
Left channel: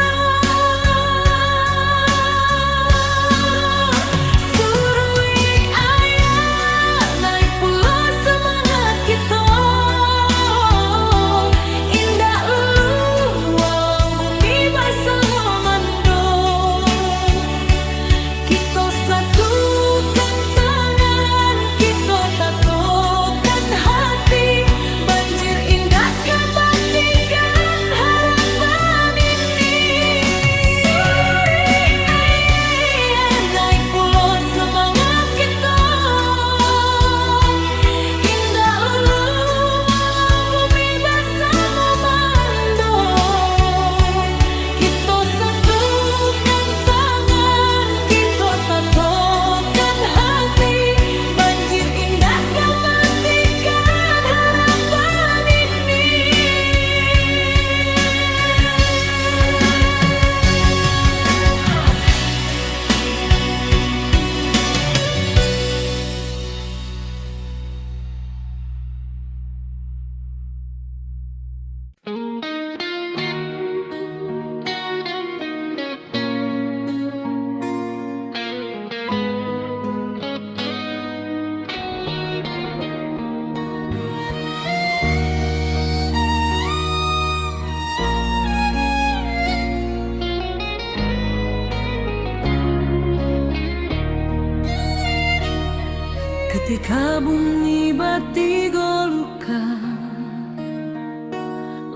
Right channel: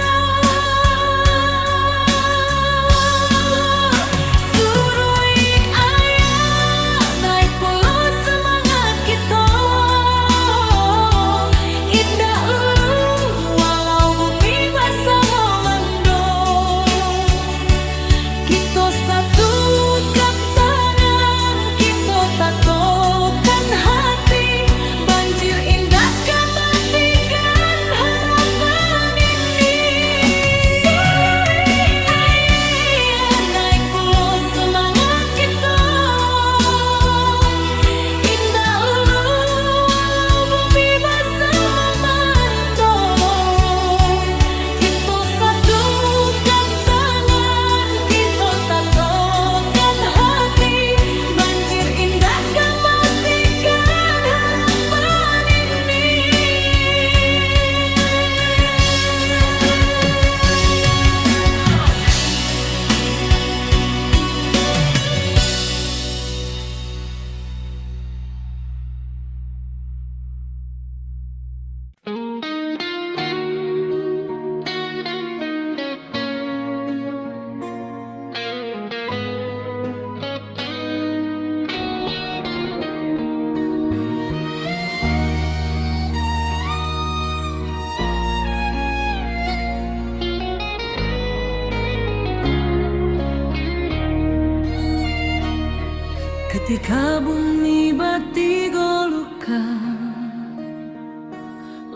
Ketika bumi batigolukan,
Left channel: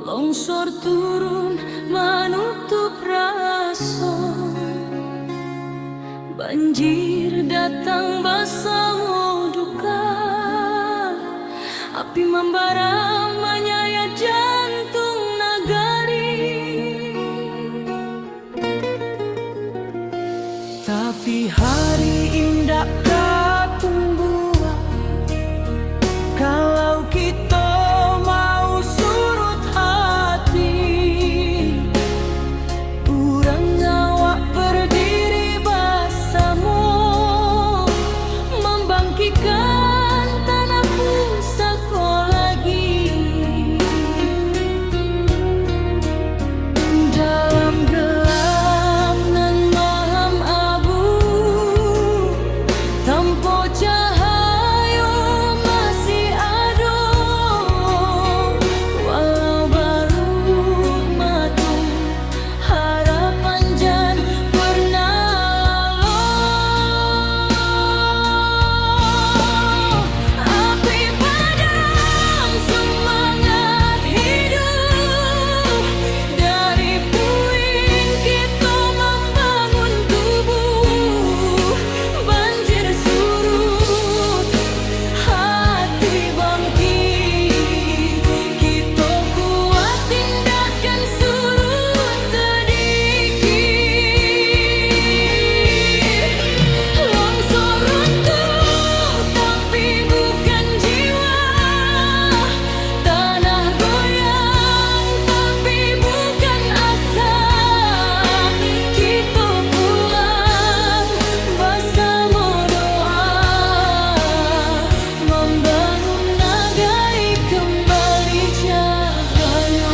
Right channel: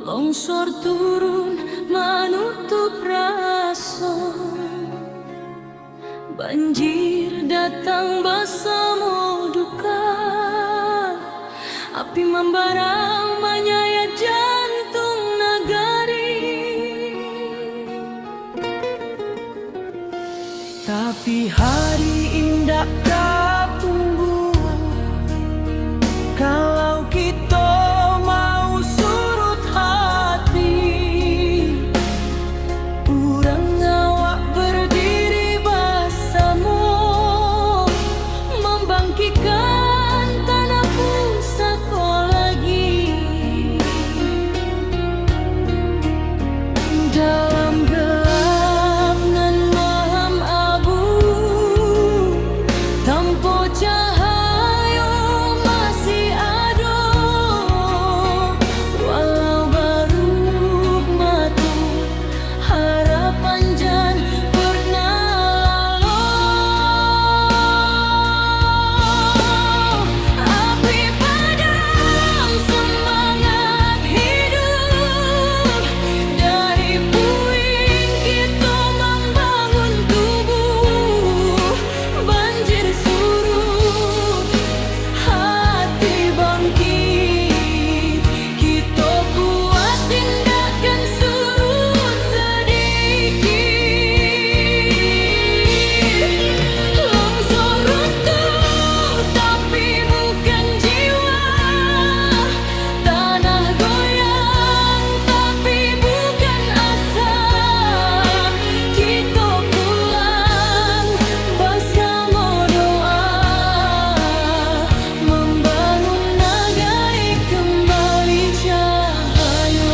longsor turun menutup rasa, banjir datang bersama duka, api membara menyayat jantung nagari. Tapi hari indah kapung buah, kalau kita mau surut hati, urang ngawak berdiri bersama, membangkitkan tanah pusaka lagi. Dalam gelap nan malam abu, tanpa cahaya masih ada, walau baru matu harapan jan pernah lalu. Api padam semangat hidup, dari puing kita membangun tubuh. Banjir surut, hati bangkit, kita kuat tindakan surut sedikit. Longsor runtuh tapi bukan jiwa, tanah goyang tapi bukan asa. Kita pulang bersama doa, membangun negeri kembali cahaya.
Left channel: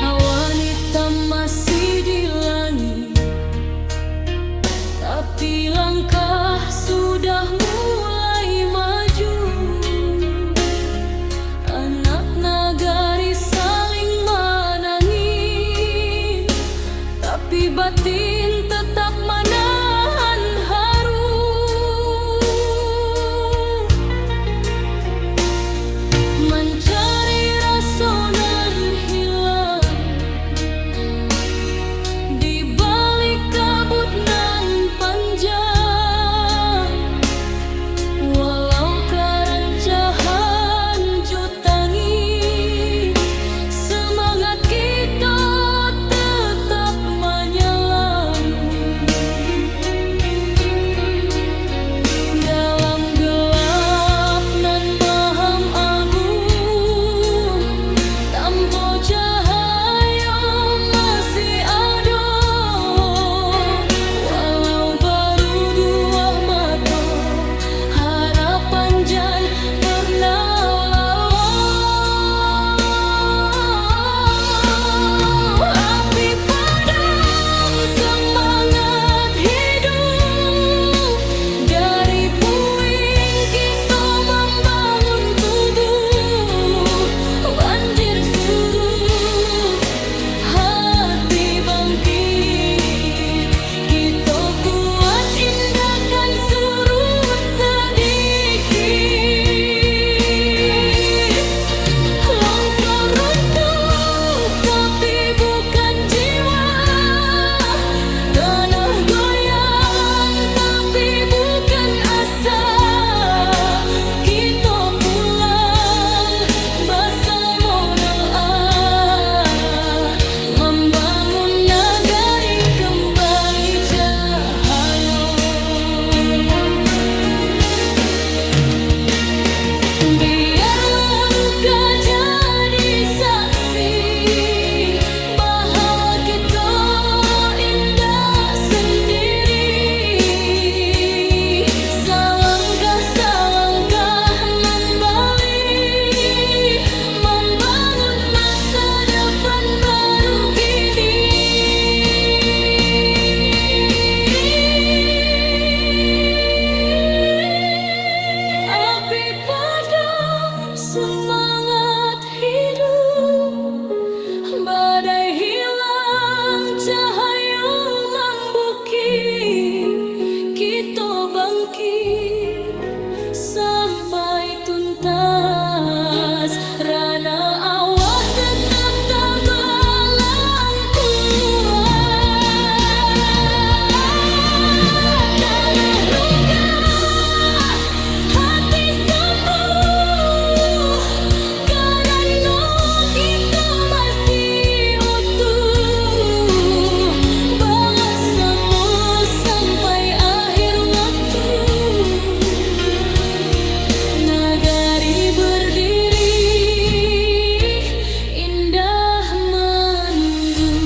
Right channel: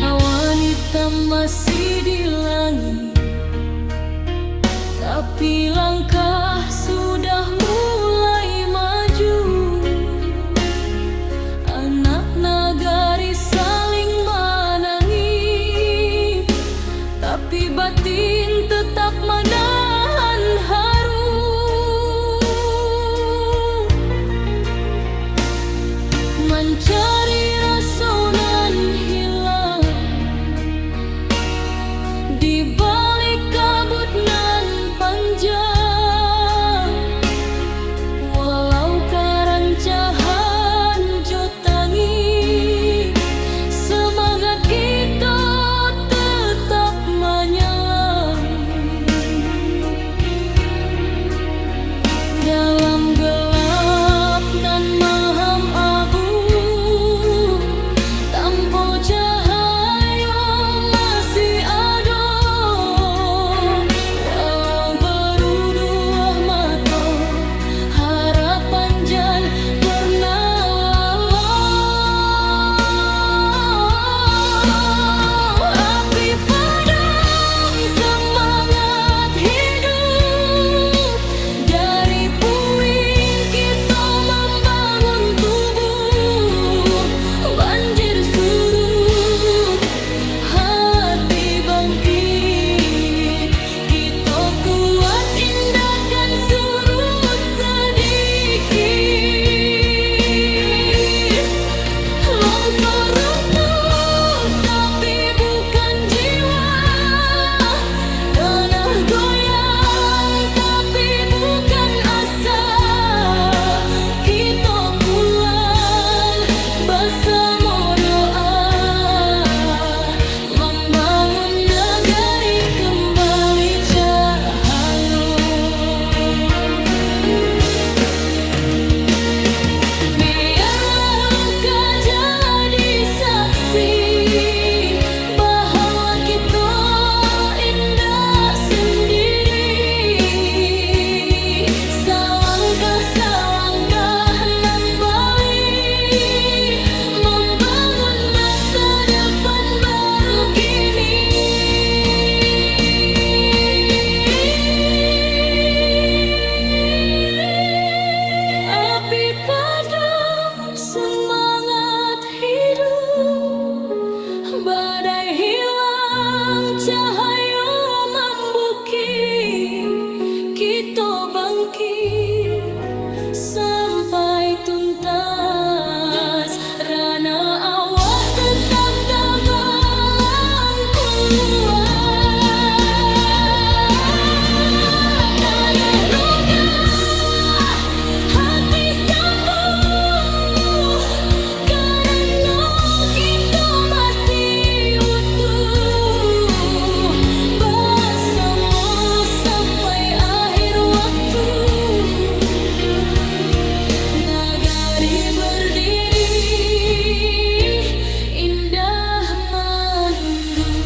Awan hitam masih di langit, tapi langkah sudah mulai maju. Anak nagari saling menangis, tapi batin tetap menahan haru. Mencari rasa nan hilang di balik kabut nan panjang, walau kerancahan jotangi, semangat kita tetap menyelam. bangkit sampai tuntas. Rana awak tetap tabalang kuat. Tanah luka, hati sembuh, karena kita masih utuh bersama sampai akhir waktu. Nagari berdiri, indah menunggu.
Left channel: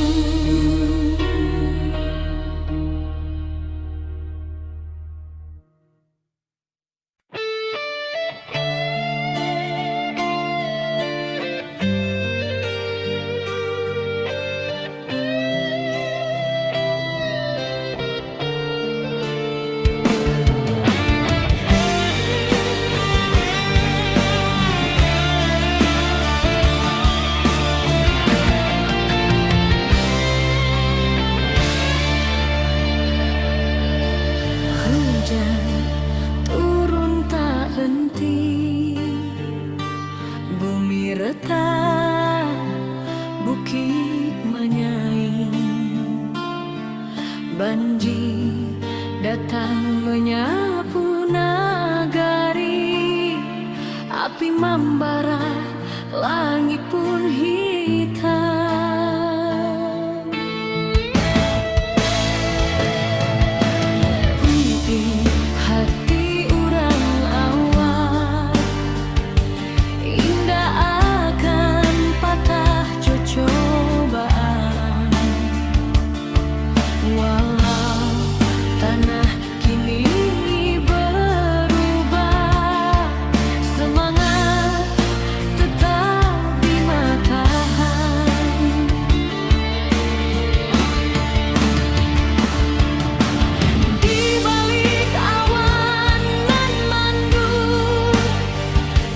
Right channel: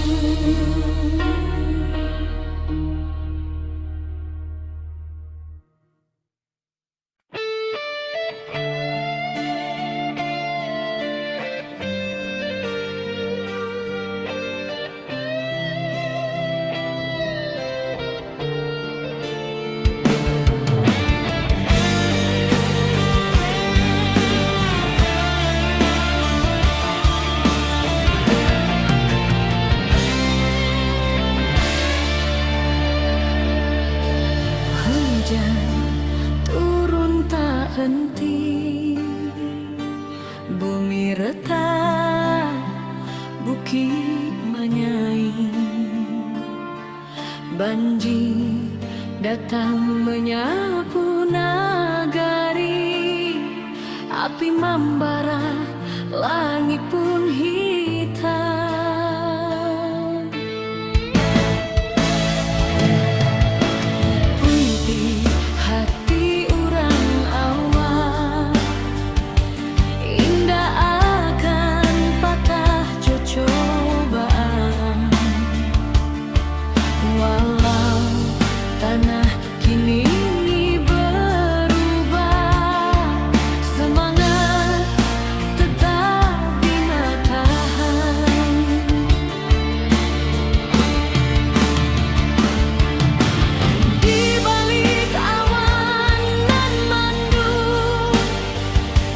Hujan turun tak henti, bumi retak, bukit menyaing. Banjir datang menyapu nagari, api membara, langit pun hitam. Puiti hati orang awak, indah akan patah cobaan. Walau tanah kini berubah, semangat tetap di matahan. Di balik awan nan mendung,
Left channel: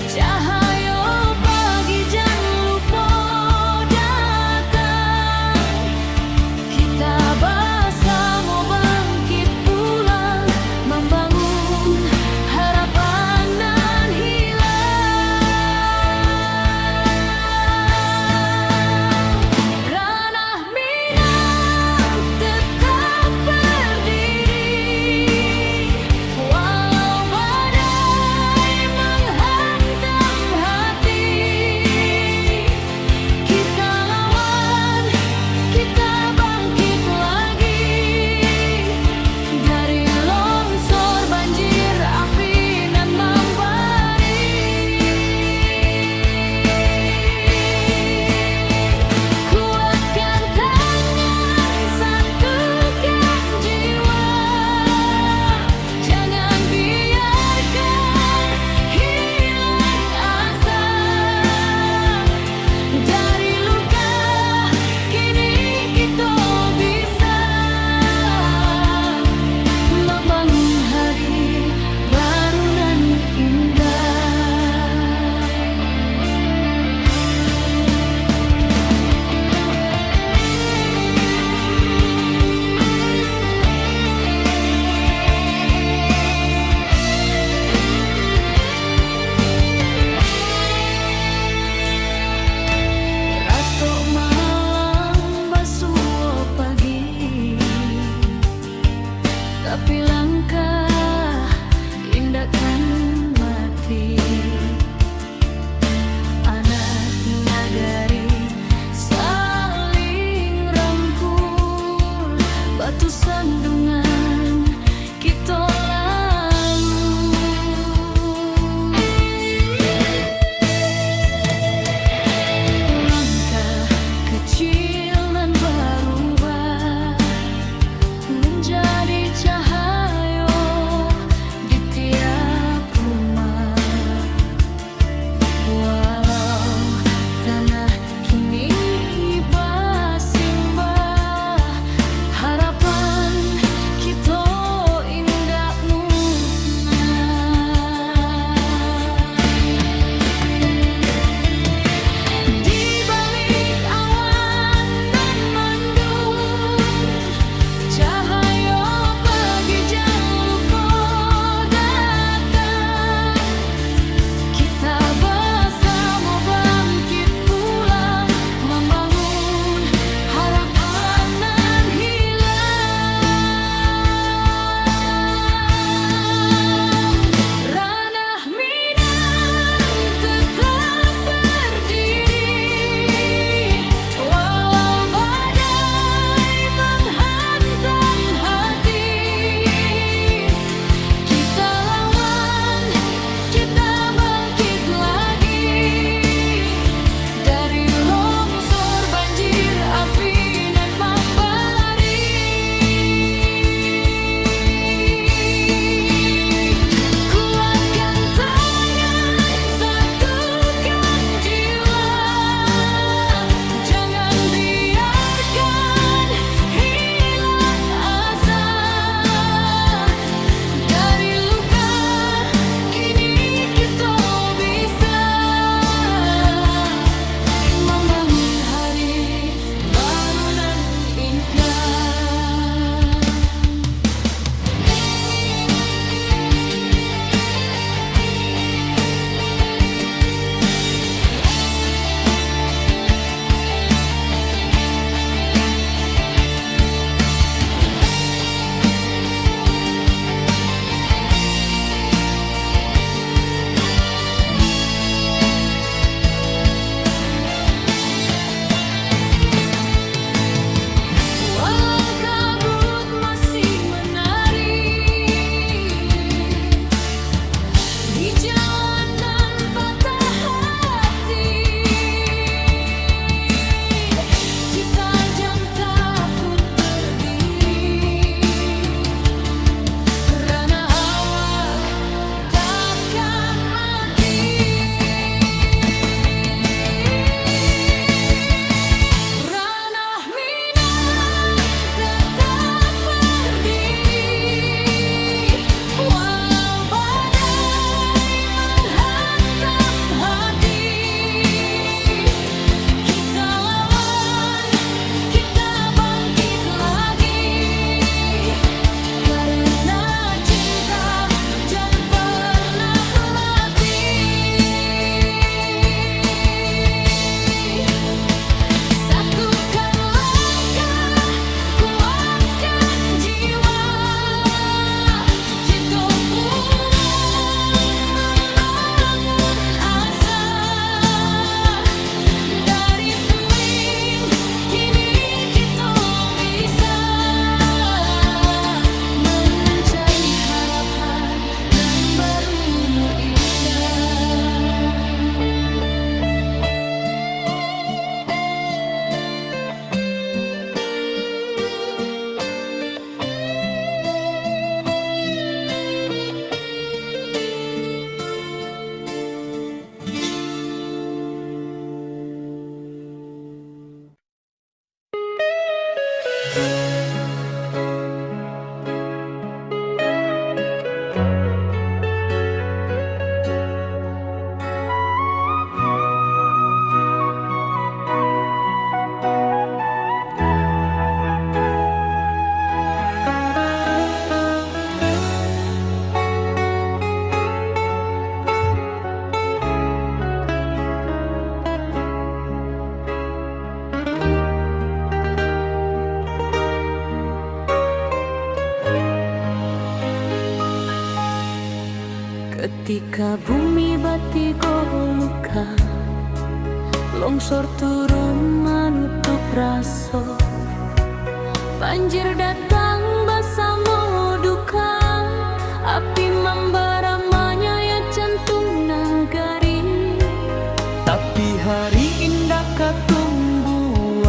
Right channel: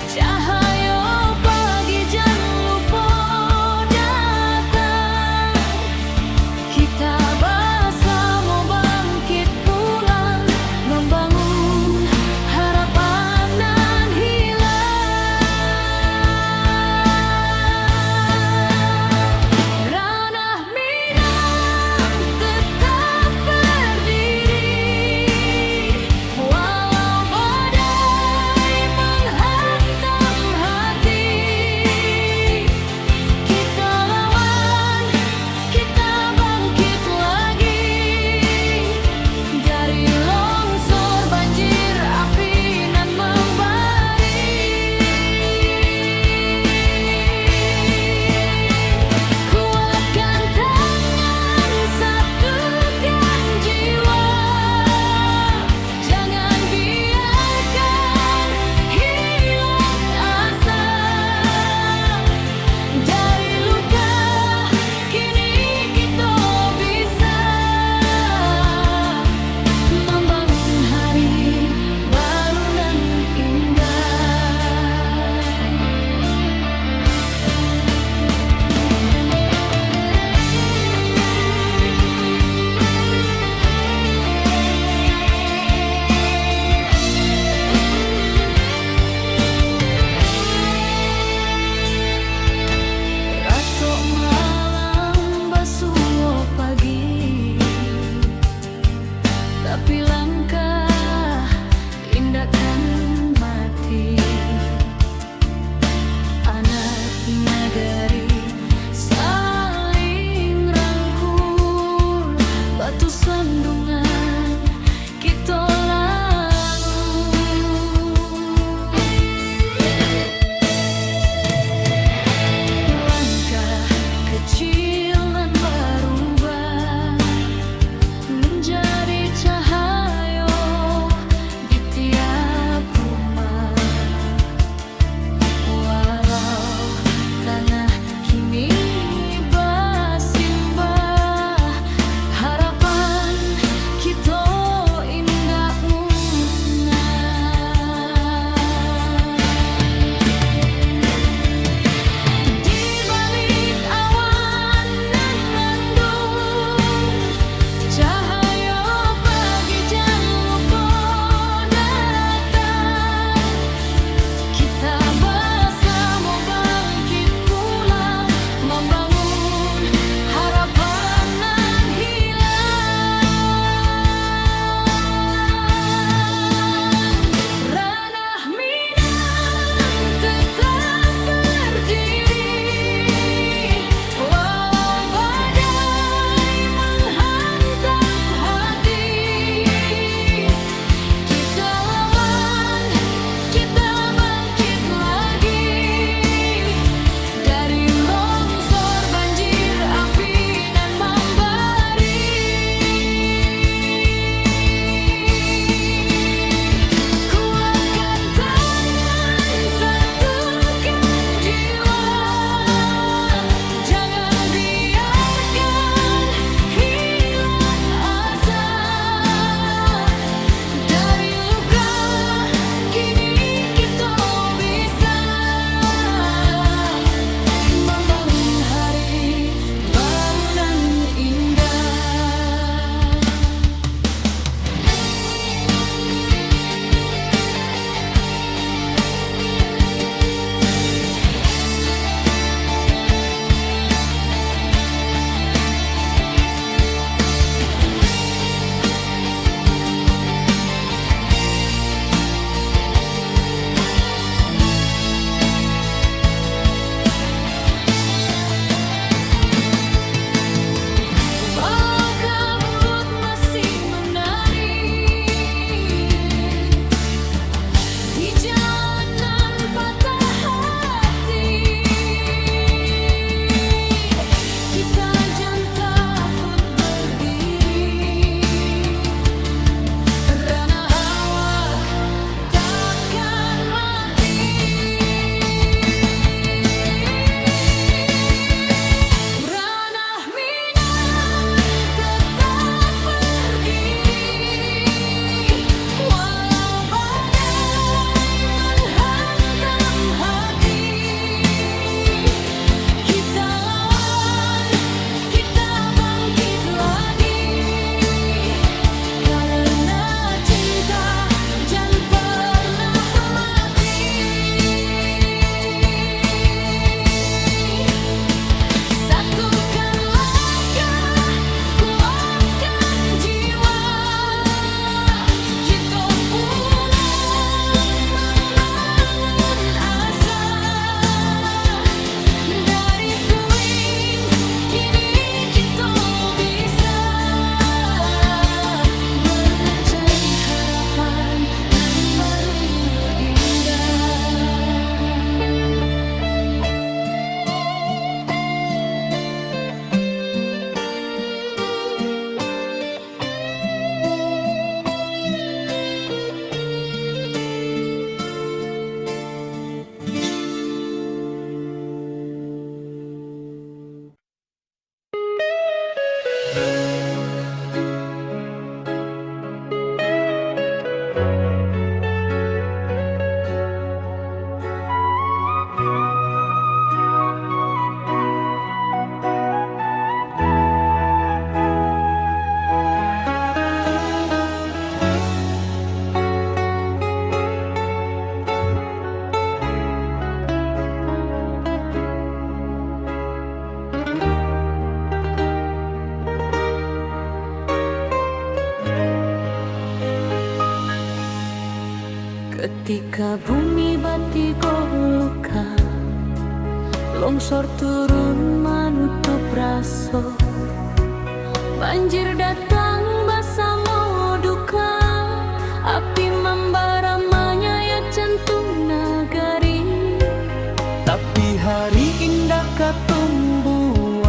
cahaya pagi jangan lupa datang. Kita bersama bangkit pulang, membangun harapan nan hilang. Ranah Minang tetap berdiri, walau badai menghantam hati. Kita lawan, kita bangkit lagi, dari longsor banjir api nan membari. Kuatkan tangan, satukan jiwa, jangan biarkan hilang asa. Dari luka kini kita bisa membangun hari baru nan indah. Ratok malam basuh pagi, tapi langkah indahkan mati. Anak nagari saling rangkul, batu sandungan kita lalu. Langkah kecil nan berubah menjadi cahaya di tiap rumah. Walau tanah kini bersimbah, harapan kita indah musnah. Di balik awan nan mendung, cahaya pagi jangan lupa Ketika bumi batigo luka, longsor turun menutup raso, banjir datang bersama duka, api membara menyayat jantung nagari. Tapi hari indah katumbuhan,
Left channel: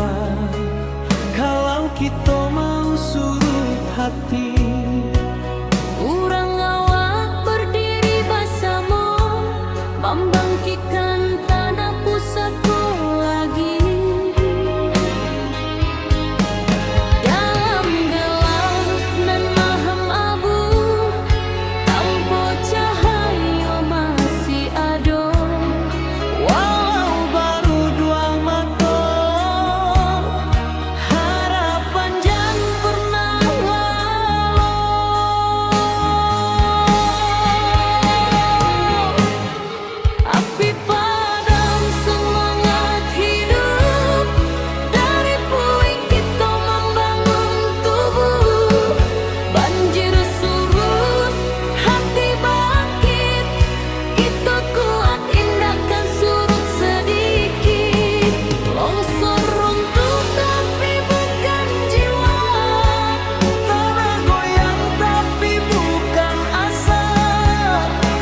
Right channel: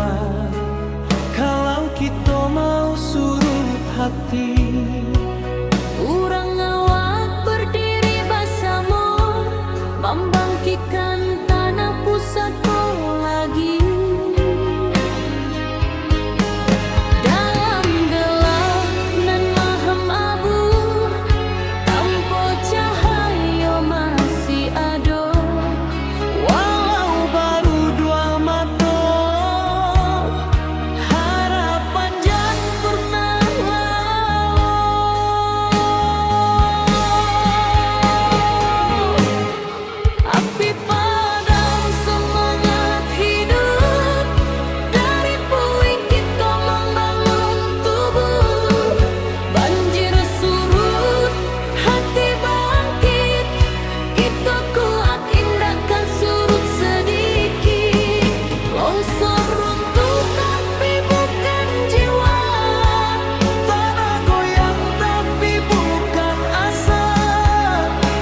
kalau kita mau surut hati. Urang awak berdiri bersama, membangkitkan tanah pusatku lagi. Dalam gelap nan mahem abu, tanpa cahaya masih ada. Walau baru dua mata, harapan jan pernah lalu. Api padam semangat hidup, dari puing kita membangun tubuh. Banjir surut, hati bangkit, kita kuat indahkan surut sedikit. Longsor runtuh tapi bukan jiwa, Tanah goyang tapi bukan asa.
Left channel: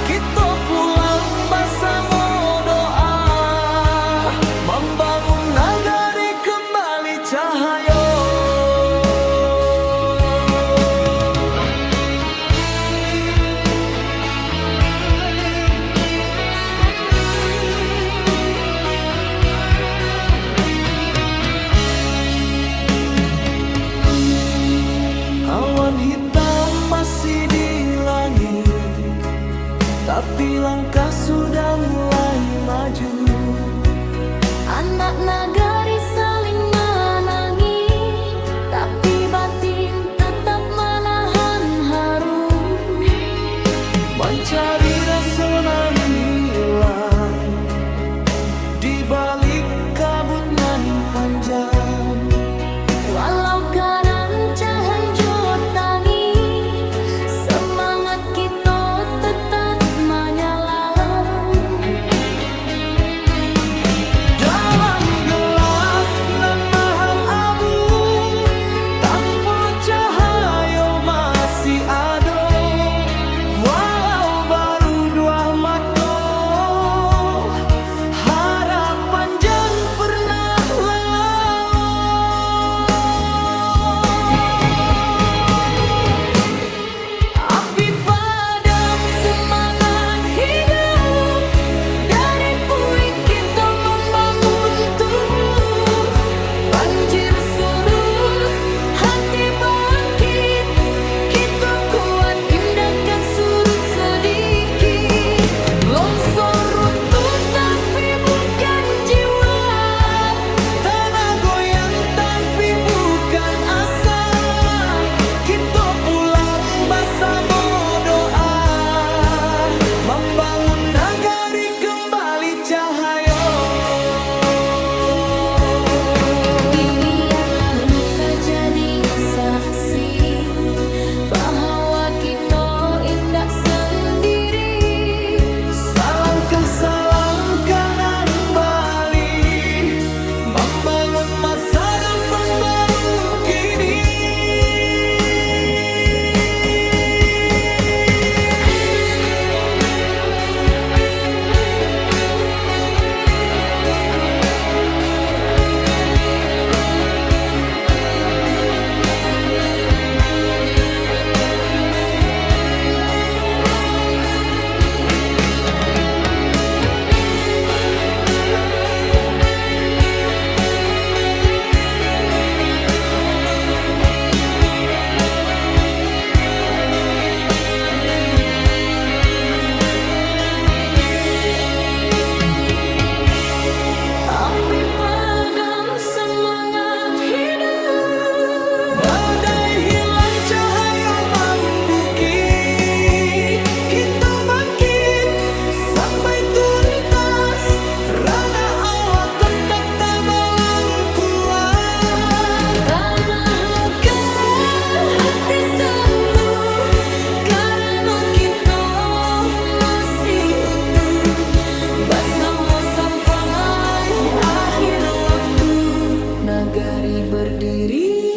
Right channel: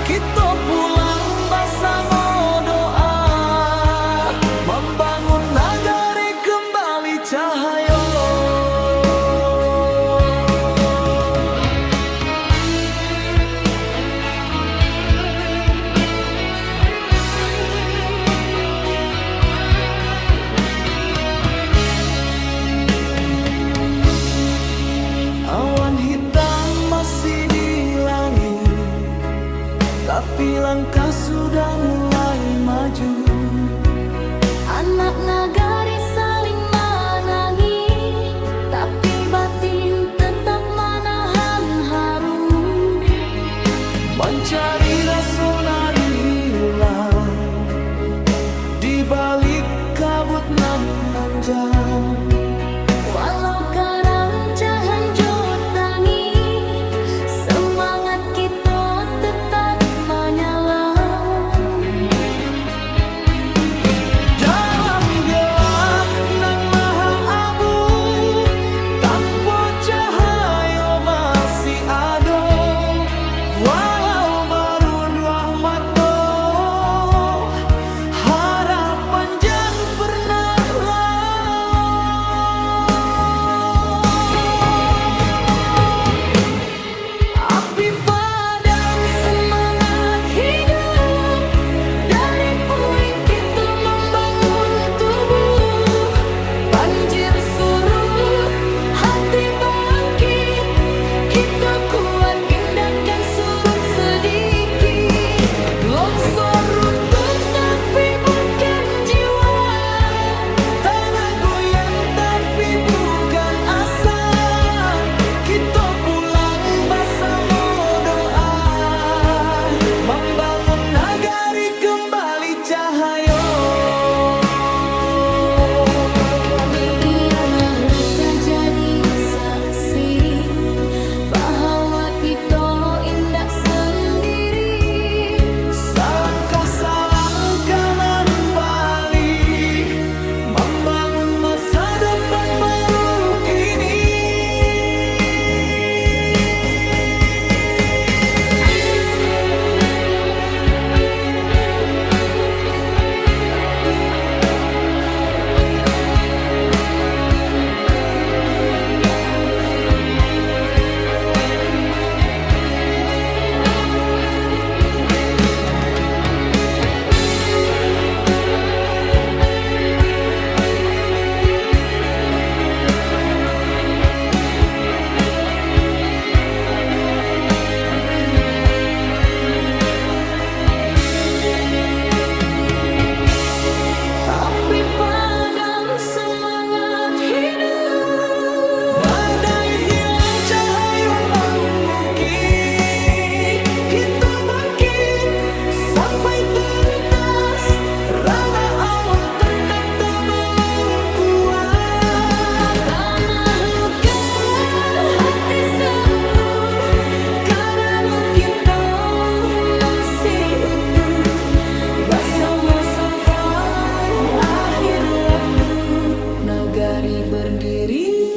Kita pulang bersama doa, membangun nagari kembali cahaya. Awan hitam masih di langit, tapi langkah sudah mulai maju. anak nagari saling menangi, tapi batin tetap menahan haru. Mencari rasa nan hilang di balik kabut nan panjang. Walau karancahan jotangi, semangat kita tetap menyala. Dalam gelap nan maham abu, tanpa cahaya masih ada. Walau baru dua mata, harapan jan pernah lalu. Api padam semangat hidup, dari puing kita membangun tubuh. Banjir surut, hati bangkit, kita kuat indahkan surut sedikit. Longsor runtuh tapi bukan jiwa, tanah goyang tapi bukan asa. Kita pulang bersama doa, membangun nagari kembali cahaya. Biarlah luka jadi saksi bahwa kita indah sendiri. Salangkah nan bali, membangun masa depan baru kini. nagari berdiri.